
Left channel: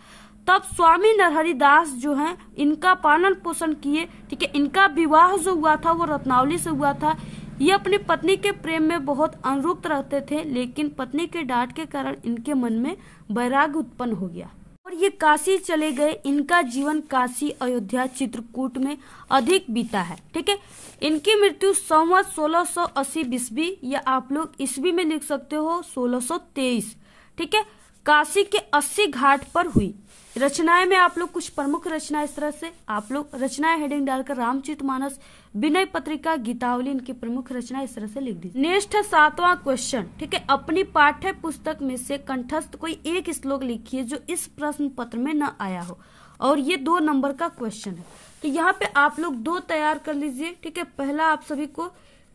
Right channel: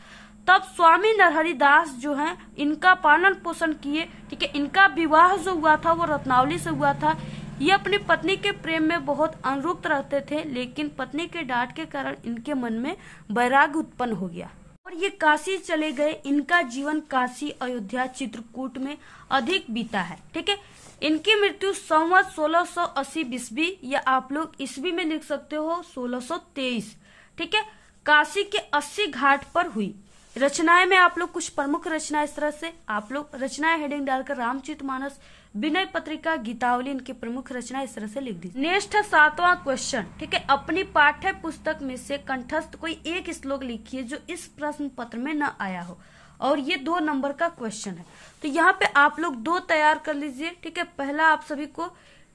तब स्वामी नरहरिदास जो हैं, इनका पालन पोषण किए। ठीक है, इनका विवाह जो हुआ था वो रत्नावली से हुआ था। ये अपनी पत्नी के प्रेम में बहुत अनुरक्त रहते थे, लेकिन पत्नी के डांट के कारण इनके मन में वैराग्य उत्पन्न हो गया और ये काशी चले गए। इनका जीवन काशी, अयोध्या, चित्रकूट में अधिक बीता है। ठीक है, इनकी मृत्यु संवत 1680 ईस्वी, या आप लोग ईस्वी में लिख सकते हो 1623। ठीक है, काशी के 80 घाट पर हुई। रचनाएं में आप लोग कुछ प्रमुख रचना इस तरह से आप लोग रचनाएं हेडिंग डालकर रामचरितमानस, विनय पत्रिका, गीतावली, इनकी प्रमुख रचना इस तरह से लिख दी। नेक्स्ट है 7वां क्वेश्चन। ठीक है, अपनी पाठ्य पुस्तक में से कंठस्थ कोई एक श्लोक लिखिए जो इस प्रश्न पत्र में न आया हो, और ये 2 नंबर का क्वेश्चन है। तो यहाँ पे आप लोग 2 तैयार कर लीजिए। ठीक है, पहला आप सभी को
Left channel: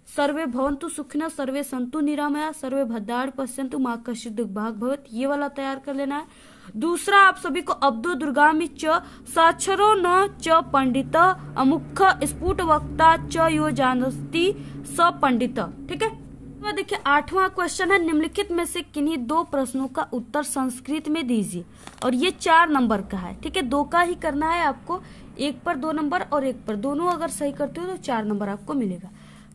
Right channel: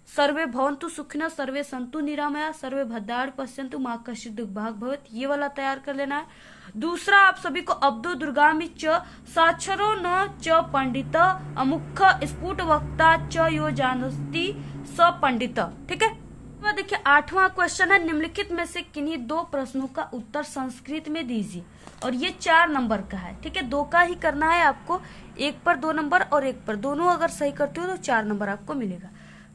सर्वे भवन्तु सुखिनः, सर्वे सन्तु निरामया, सर्वे भद्राणि पश्यन्तु मा कश्चित् दुर्भाग् भवेत्, ये वाला तैयार कर लेना है। दूसरा आप सभी को अब्दो दुर्गामि च साक्षरो न च पंडित अमुख स्फुट वक्ता च यो जानस्ति स पंडित। ठीक है, तो देखिए 8वां क्वेश्चन है, निम्नलिखित में से किन्हीं 2 प्रश्नों का उत्तर संस्कृत में दीजिए, और ये 4 नंबर का है। ठीक है, 2 का ही करना है आपको, एक पर 2 नंबर और एक पर, दोनों अगर सही करते हो तो 4 नंबर आपको मिलेगा।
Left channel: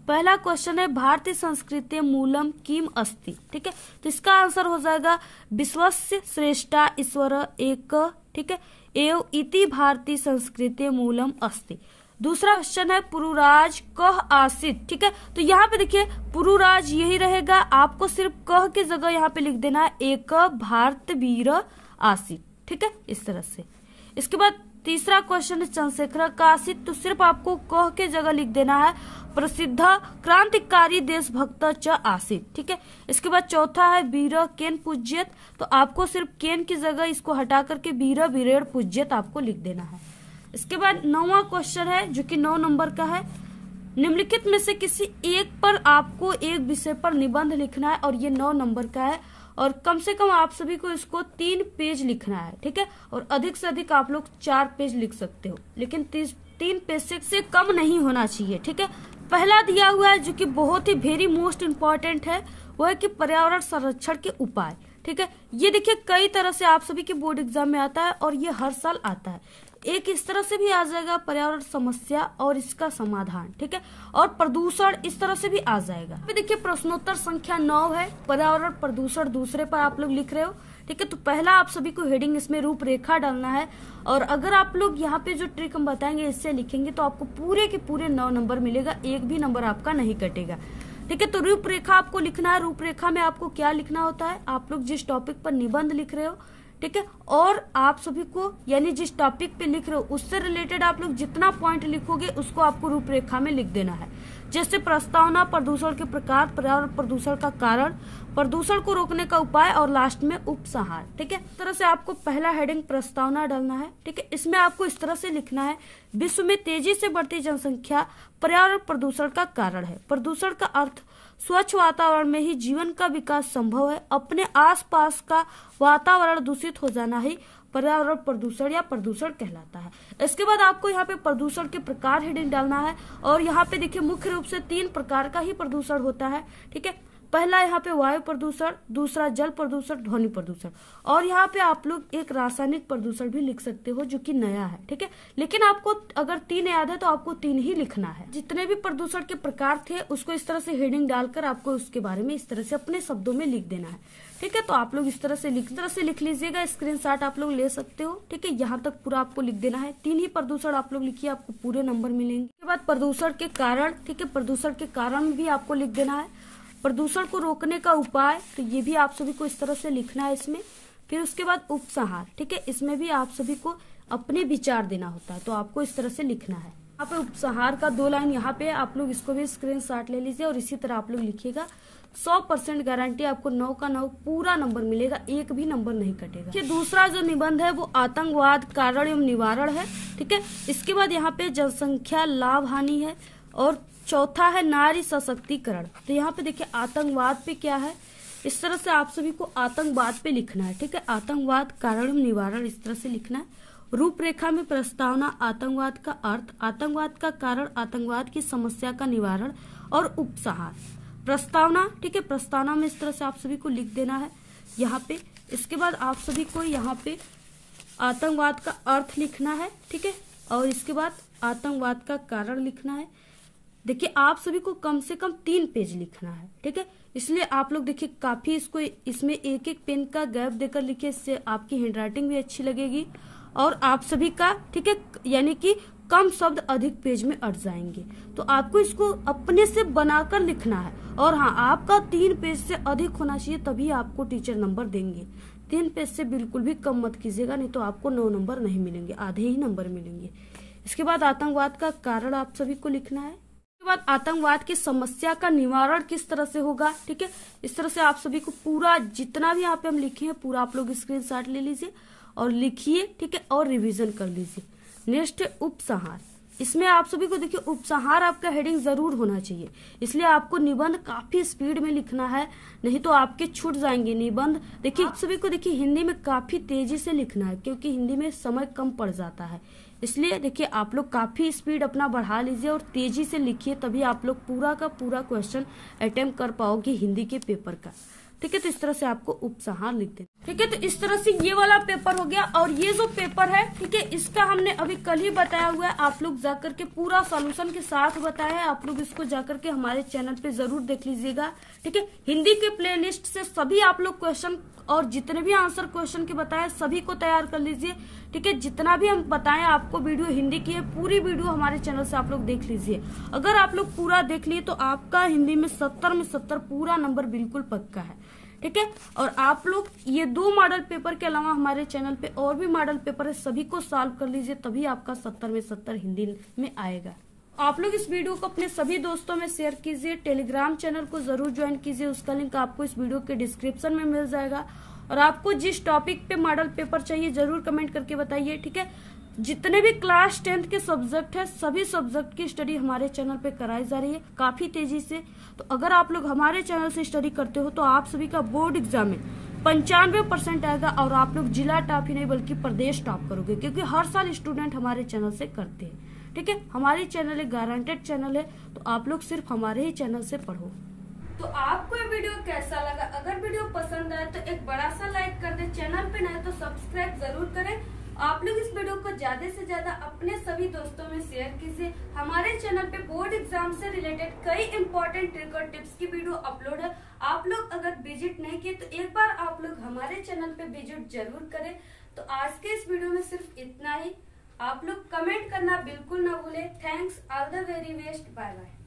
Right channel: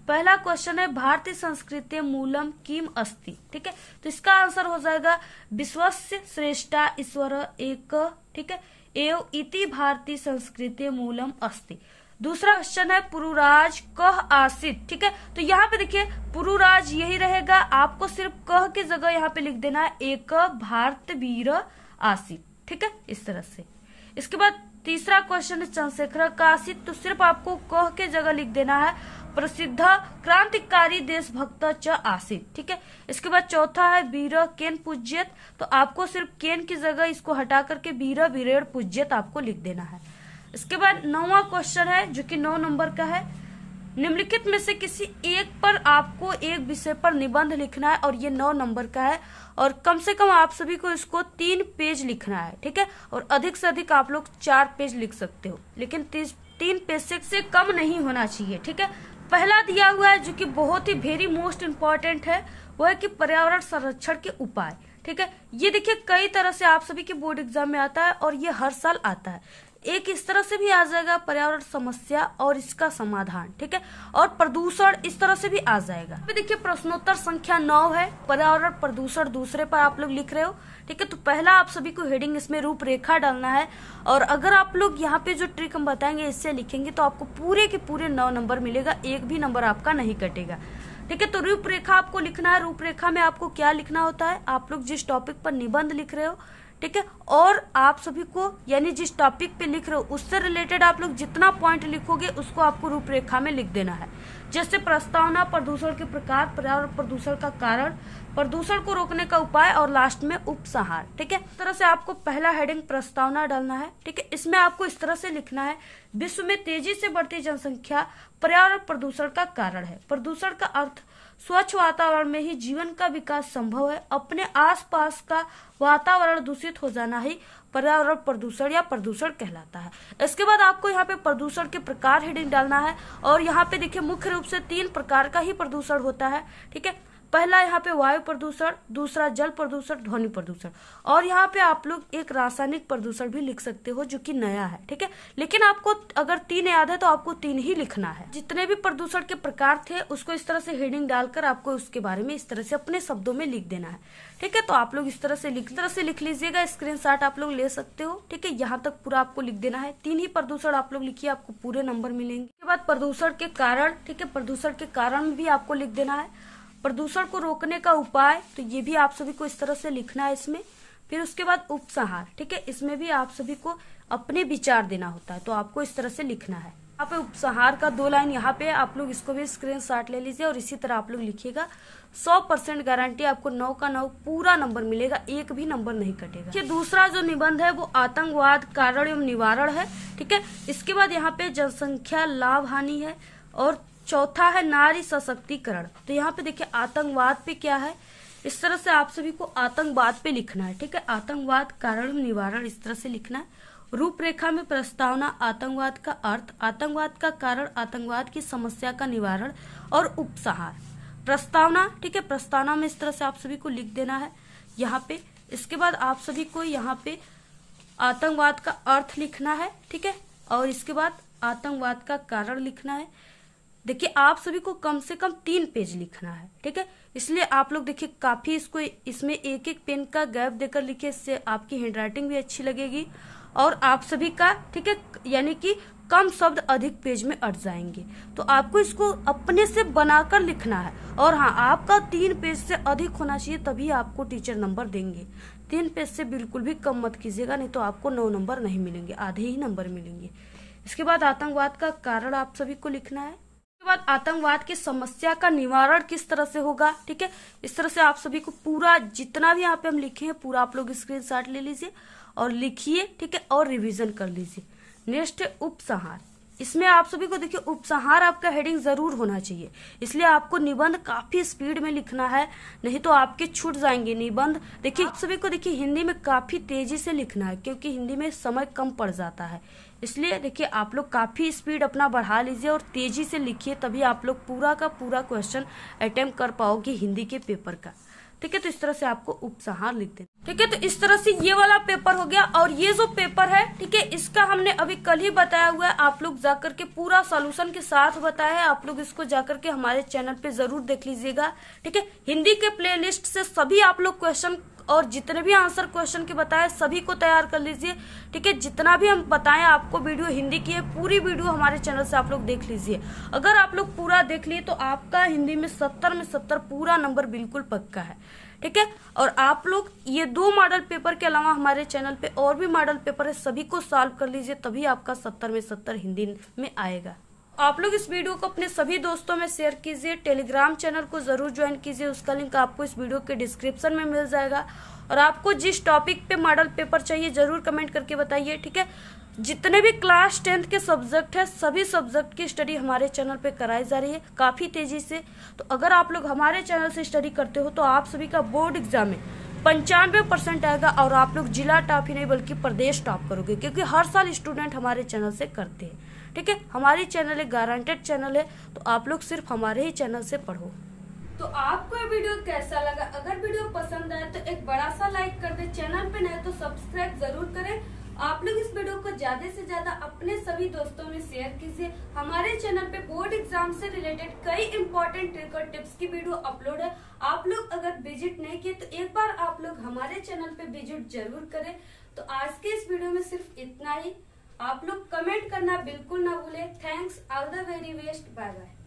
पहला क्वेश्चन है, भारतीय संस्कृति मूलम किम अस्ति। ठीक है, तो इसका आंसर हो जाएगा विश्वस्य श्रेष्ठा ईश्वर एक। ठीक है, एव इति भारतीय संस्कृति मूलम अस्ति। दूसरा क्वेश्चन है, पुरुराज कह आसित। ठीक है, तो यहाँ पे देखिए पुरुराज यही रहेगा, आपको सिर्फ कह की जगह यहाँ पे लिख देना है एक भारत वीर आसित। ठीक है, इस तरह से। इसके बाद तीसरा क्वेश्चन है, चंद्रशेखर का आसित, तो सिर्फ आपको कह के जगह लिख देना है प्रसिद्ध क्रांतिकारी देशभक्त च आसित। ठीक है, इसके बाद चौथा है वीर केन पूज्यत, तो आपको सिर्फ केन की जगह इसको हटा करके वीर वीरेण पूज्यत आपको लिख देना है। इसके बाद 9वां क्वेश्चन है, जो कि 9 नंबर का है, निम्नलिखित में से किसी एक पर आपको एक विषय पर निबंध लिखना है, और ये 9 नंबर का है, और कम से कम आप सभी को इसको 3 पेज लिखना है। ठीक है, और अधिक से अधिक आप लोग 4 पेज लिख सकते हो, लेकिन 3 पेज से कम नहीं होना चाहिए। ठीक है, पहला दिया हुआ है जो कि बहुत ही वेरी मोस्ट इम्पोर्टेंट है, वो है कि पर्यावरण संरक्षण के उपाय। ठीक है, ये देखिए कई तरह से आप सभी के बोर्ड एग्जाम में आता है और ये हर साल आता है। एक इस तरह से भी आ जाएगा पर्यावरण समस्या और इसका समाधान। ठीक है, और प्रदूषण इस तरह से भी आ जाएगा। तो देखिए प्रश्नोत्तर संख्या 9 है, पर्यावरण प्रदूषण दूसरे पर आप लोग लिख रहे हो। ठीक है, तो पहला आप सभी को हेडिंग इसमें रूपरेखा डालना है, और अगर आप लोग यहाँ पे जो ट्रिक हम बताएंगे इससे लिखेंगे तो आपको पूरे के पूरे 9 नंबर मिलेगा, एक भी नंबर आपका नहीं कटेगा। ठीक है, तो रूपरेखा आपको लिखना है। रूपरेखा में आपको क्या लिखना होता है, आप लोग जिस टॉपिक पर निबंध लिख रहे हो, ठीक है। और आप सभी को यानी जिस टॉपिक पे लिख रहे हो उससे रिलेटेड आप लोग जितना पॉइंट लिखोगे उसको आपको रूपरेखा में लिख देना है। जैसे प्रस्तावना, प्रदूषण के प्रकार, पर्यावरण प्रदूषण का कारण, प्रदूषण को रोकने का उपाय और लास्ट में उपसंहार। ठीक है, इस तरह से आपको पहला हेडिंग प्रस्तावना डालना है। ठीक है, इसमें आपको इस तरह से लिखना है, विश्व में तेजी से बढ़ती जनसंख्या पर्यावरण प्रदूषण का कारण है। प्रदूषण का अर्थ स्वच्छ वातावरण में ही जीवन का विकास संभव है। अपने आसपास का वातावरण दूषित हो जाना ही पर्यावरण प्रदूषण या प्रदूषण कहलाता है। इसके बाद आपको यहाँ पे प्रदूषण के प्रकार हेडिंग डालना है और यहाँ पे देखिए मुख्य रूप से 3 प्रकार का ही प्रदूषण होता है। ठीक है, पहला यहाँ पे वायु प्रदूषण, दूसरा जल प्रदूषण, ध्वनि प्रदूषण, और यहाँ पे आप लोग एक रासायनिक प्रदूषण भी लिख सकते हो जो कि नया है। ठीक है, लेकिन आपको अगर 3 याद है तो आपको 3 ही लिखना है। जितने भी प्रदूषण के प्रकार थे उसको इस तरह से हेडिंग डालकर आपको उसके बारे में इस तरह से अपने शब्दों में लिख देना है। ठीक है, तो आप लोग इस तरह से लिख लीजिएगा, स्क्रीनशॉट आप लोग ले सकते हो। ठीक है, यहाँ तक पूरा आपको लिख देना है। 3 ही प्रदूषण आप लोग लिखिए, आपको पूरे नंबर मिलेंगे। उसके बाद प्रदूषण के कारण, ठीक है, प्रदूषण के कारण भी आपको लिख देना है। प्रदूषण को रोकने का उपाय, तो ये भी आप सभी को इस तरह से लिखना है इसमें। फिर उसके बाद उपसंहार, ठीक है, इसमें भी आप सभी को अपने विचार देना होता है, तो आपको इस तरह से लिखना है। यहाँ पे उपसंहार का 2 लाइन यहाँ पे आप लोग इसको भी स्क्रीनशॉट ले लीजिए और इसी तरह आप लोग लिखिएगा। 100% गारंटी, आपको 9 का 9 पूरा नंबर मिलेगा, एक भी नंबर नहीं कटेगा। ये दूसरा जो निबंध है वो आतंकवाद कारण एवं निवारण है। ठीक है, इसके बाद यहाँ पे जनसंख्या लाभ हानि है और चौथा है नारी सशक्तिकरण। तो यहाँ पे देखिए आतंकवाद पे क्या है, इस तरह से आप सभी को आतंकवाद पे लिखना है। ठीक है, आतंकवाद कारण एवं निवारण इस तरह से लिखना है। रूपरेखा में प्रस्तावना, आतंकवाद का अर्थ, आतंकवाद का कारण, आतंकवाद की समस्या का निवारण और उपसंहार। प्रस्तावना, ठीक है, प्रस्तावना में इस तरह से आप सभी को लिख देना है यहाँ पे। इसके बाद आप सभी को यहाँ पे आतंकवाद का अर्थ लिखना है। ठीक है, और इसके बाद आतंकवाद का कारण लिखना है। देखिए आप सभी को कम से कम 3 पेज लिखना है। ठीक है, इसलिए आप लोग देखिए काफी इसको इसमें एक पेन का गैप देकर लिखिए, इससे आपकी हैंडराइटिंग भी अच्छी लगेगी और आप सभी का, ठीक है, यानी कि कम शब्द अधिक पेज में अट जाएंगे। तो आपको इसको अपने से बनाकर लिखना है और हाँ, आपका 3 पेज से अधिक होना चाहिए, तभी आपको टीचर नंबर देंगे। 3 पेज से बिल्कुल भी कम मत कीजिएगा, नहीं तो आपको 9 नंबर नहीं मिलेंगे, आधे ही नंबर मिलेंगे। इसके बाद आतंकवाद का कारण आप सभी को लिखना है। इसके बाद आतंकवाद की समस्या का निवारण किस तरह से होगा। ठीक है, इस तरह से आप सभी को पूरा जितना भी यहाँ पे हम लिखे हैं पूरा आप लोग स्क्रीनशॉट ले लीजिए और लिखिए। ठीक है, और रिवीजन कर लीजिए। नेक्स्ट है उपसंहार। इसमें आप सभी को देखिए उपसंहार आपका हेडिंग जरूर होना चाहिए, इसलिए आपको निबंध काफी स्पीड में लिखना है, नहीं तो आपके छूट जाएंगे निबंध। देखिए आप सभी को देखिए हिंदी में काफी तेजी से लिखना है, क्योंकि हिंदी में समय कम पड़ जाता है। इसलिए देखिए आप लोग काफी स्पीड अपना बढ़ा लीजिए और तेजी से लिखिए, तभी आप लोग पूरा का पूरा क्वेश्चन अटेम्प्ट कर पाओगे हिंदी के पेपर का। ठीक है, तो इस तरह से आपको उपसंहार लिख देना। ठीक है, तो इस तरह से ये वाला पेपर हो गया। और ये जो पेपर है, ठीक है, इसका हमने अभी कल ही बताया हुआ है, आप लोग जाकर के पूरा सॉल्यूशन के साथ बताया है। आप लोग इसको जाकर के हमारे चैनल पे जरूर देख लीजिएगा। ठीक है, हिंदी के प्लेलिस्ट से सभी आप लोग क्वेश्चन और जितने भी आंसर क्वेश्चन के बताए सभी को तैयार कर लीजिए। ठीक है, जितना भी हम बताएं आपको वीडियो हिंदी की है, पूरी वीडियो हमारे चैनल से आप लोग देख लीजिए। अगर आप लोग पूरा देख लिए तो आपका हिंदी में 70 में 70 पूरा नंबर बिल्कुल पक्का है। ठीक है, और आप लोग ये 2 मॉडल पेपर के अलावा हमारे चैनल पे और भी मॉडल पेपर है, सभी को सॉल्व कर लीजिए, तभी आपका 70 में 70 हिंदी में आएगा। आप लोग इस वीडियो को अपने सभी दोस्तों में शेयर कीजिए। टेलीग्राम चैनल को जरूर ज्वाइन कीजिए, उसका लिंक आपको इस वीडियो के डिस्क्रिप्शन में मिल जाएगा। और आपको जिस टॉपिक पे मॉडल पेपर चाहिए जरूर कमेंट करके बताइए। ठीक है, जितने भी क्लास 10th के सब्जेक्ट है सभी सब्जेक्ट की स्टडी हमारे चैनल पे कराई जा रही है काफी तेजी से। तो अगर आप लोग हमारे चैनल से स्टडी करते हो तो आप सभी का बोर्ड एग्जाम में 95% आएगा और आप लोग जिला टॉप ही नहीं बल्कि प्रदेश टॉप करोगे, क्योंकि हर साल स्टूडेंट हमारे चैनल से करते हैं। ठीक है, हमारी चैनल एक गारंटेड चैनल है, तो आप लोग सिर्फ हमारे ही चैनल से पढ़ो। तो आपको ये वीडियो कैसा लगा? अगर वीडियो पसंद आए तो एक बड़ा सा लाइक कर दे, चैनल पे नए तो सब्सक्राइब जरूर करें। आप लोग इस वीडियो को ज्यादा से ज्यादा अपने सभी दोस्तों में शेयर कीजिए। हमारे चैनल पे बोर्ड एग्जाम से रिलेटेड कई इंपॉर्टेंट ट्रिक और टिप्स की वीडियो अपलोड है। आप लोग अगर विजिट नहीं किए तो एक बार आप लोग हमारे चैनल पे विजिट जरूर करें। तो आज के इस वीडियो में सिर्फ इतना ही। आप लोग कमेंट करना बिल्कुल ना भूले। Thanks, all the very best, bye bye.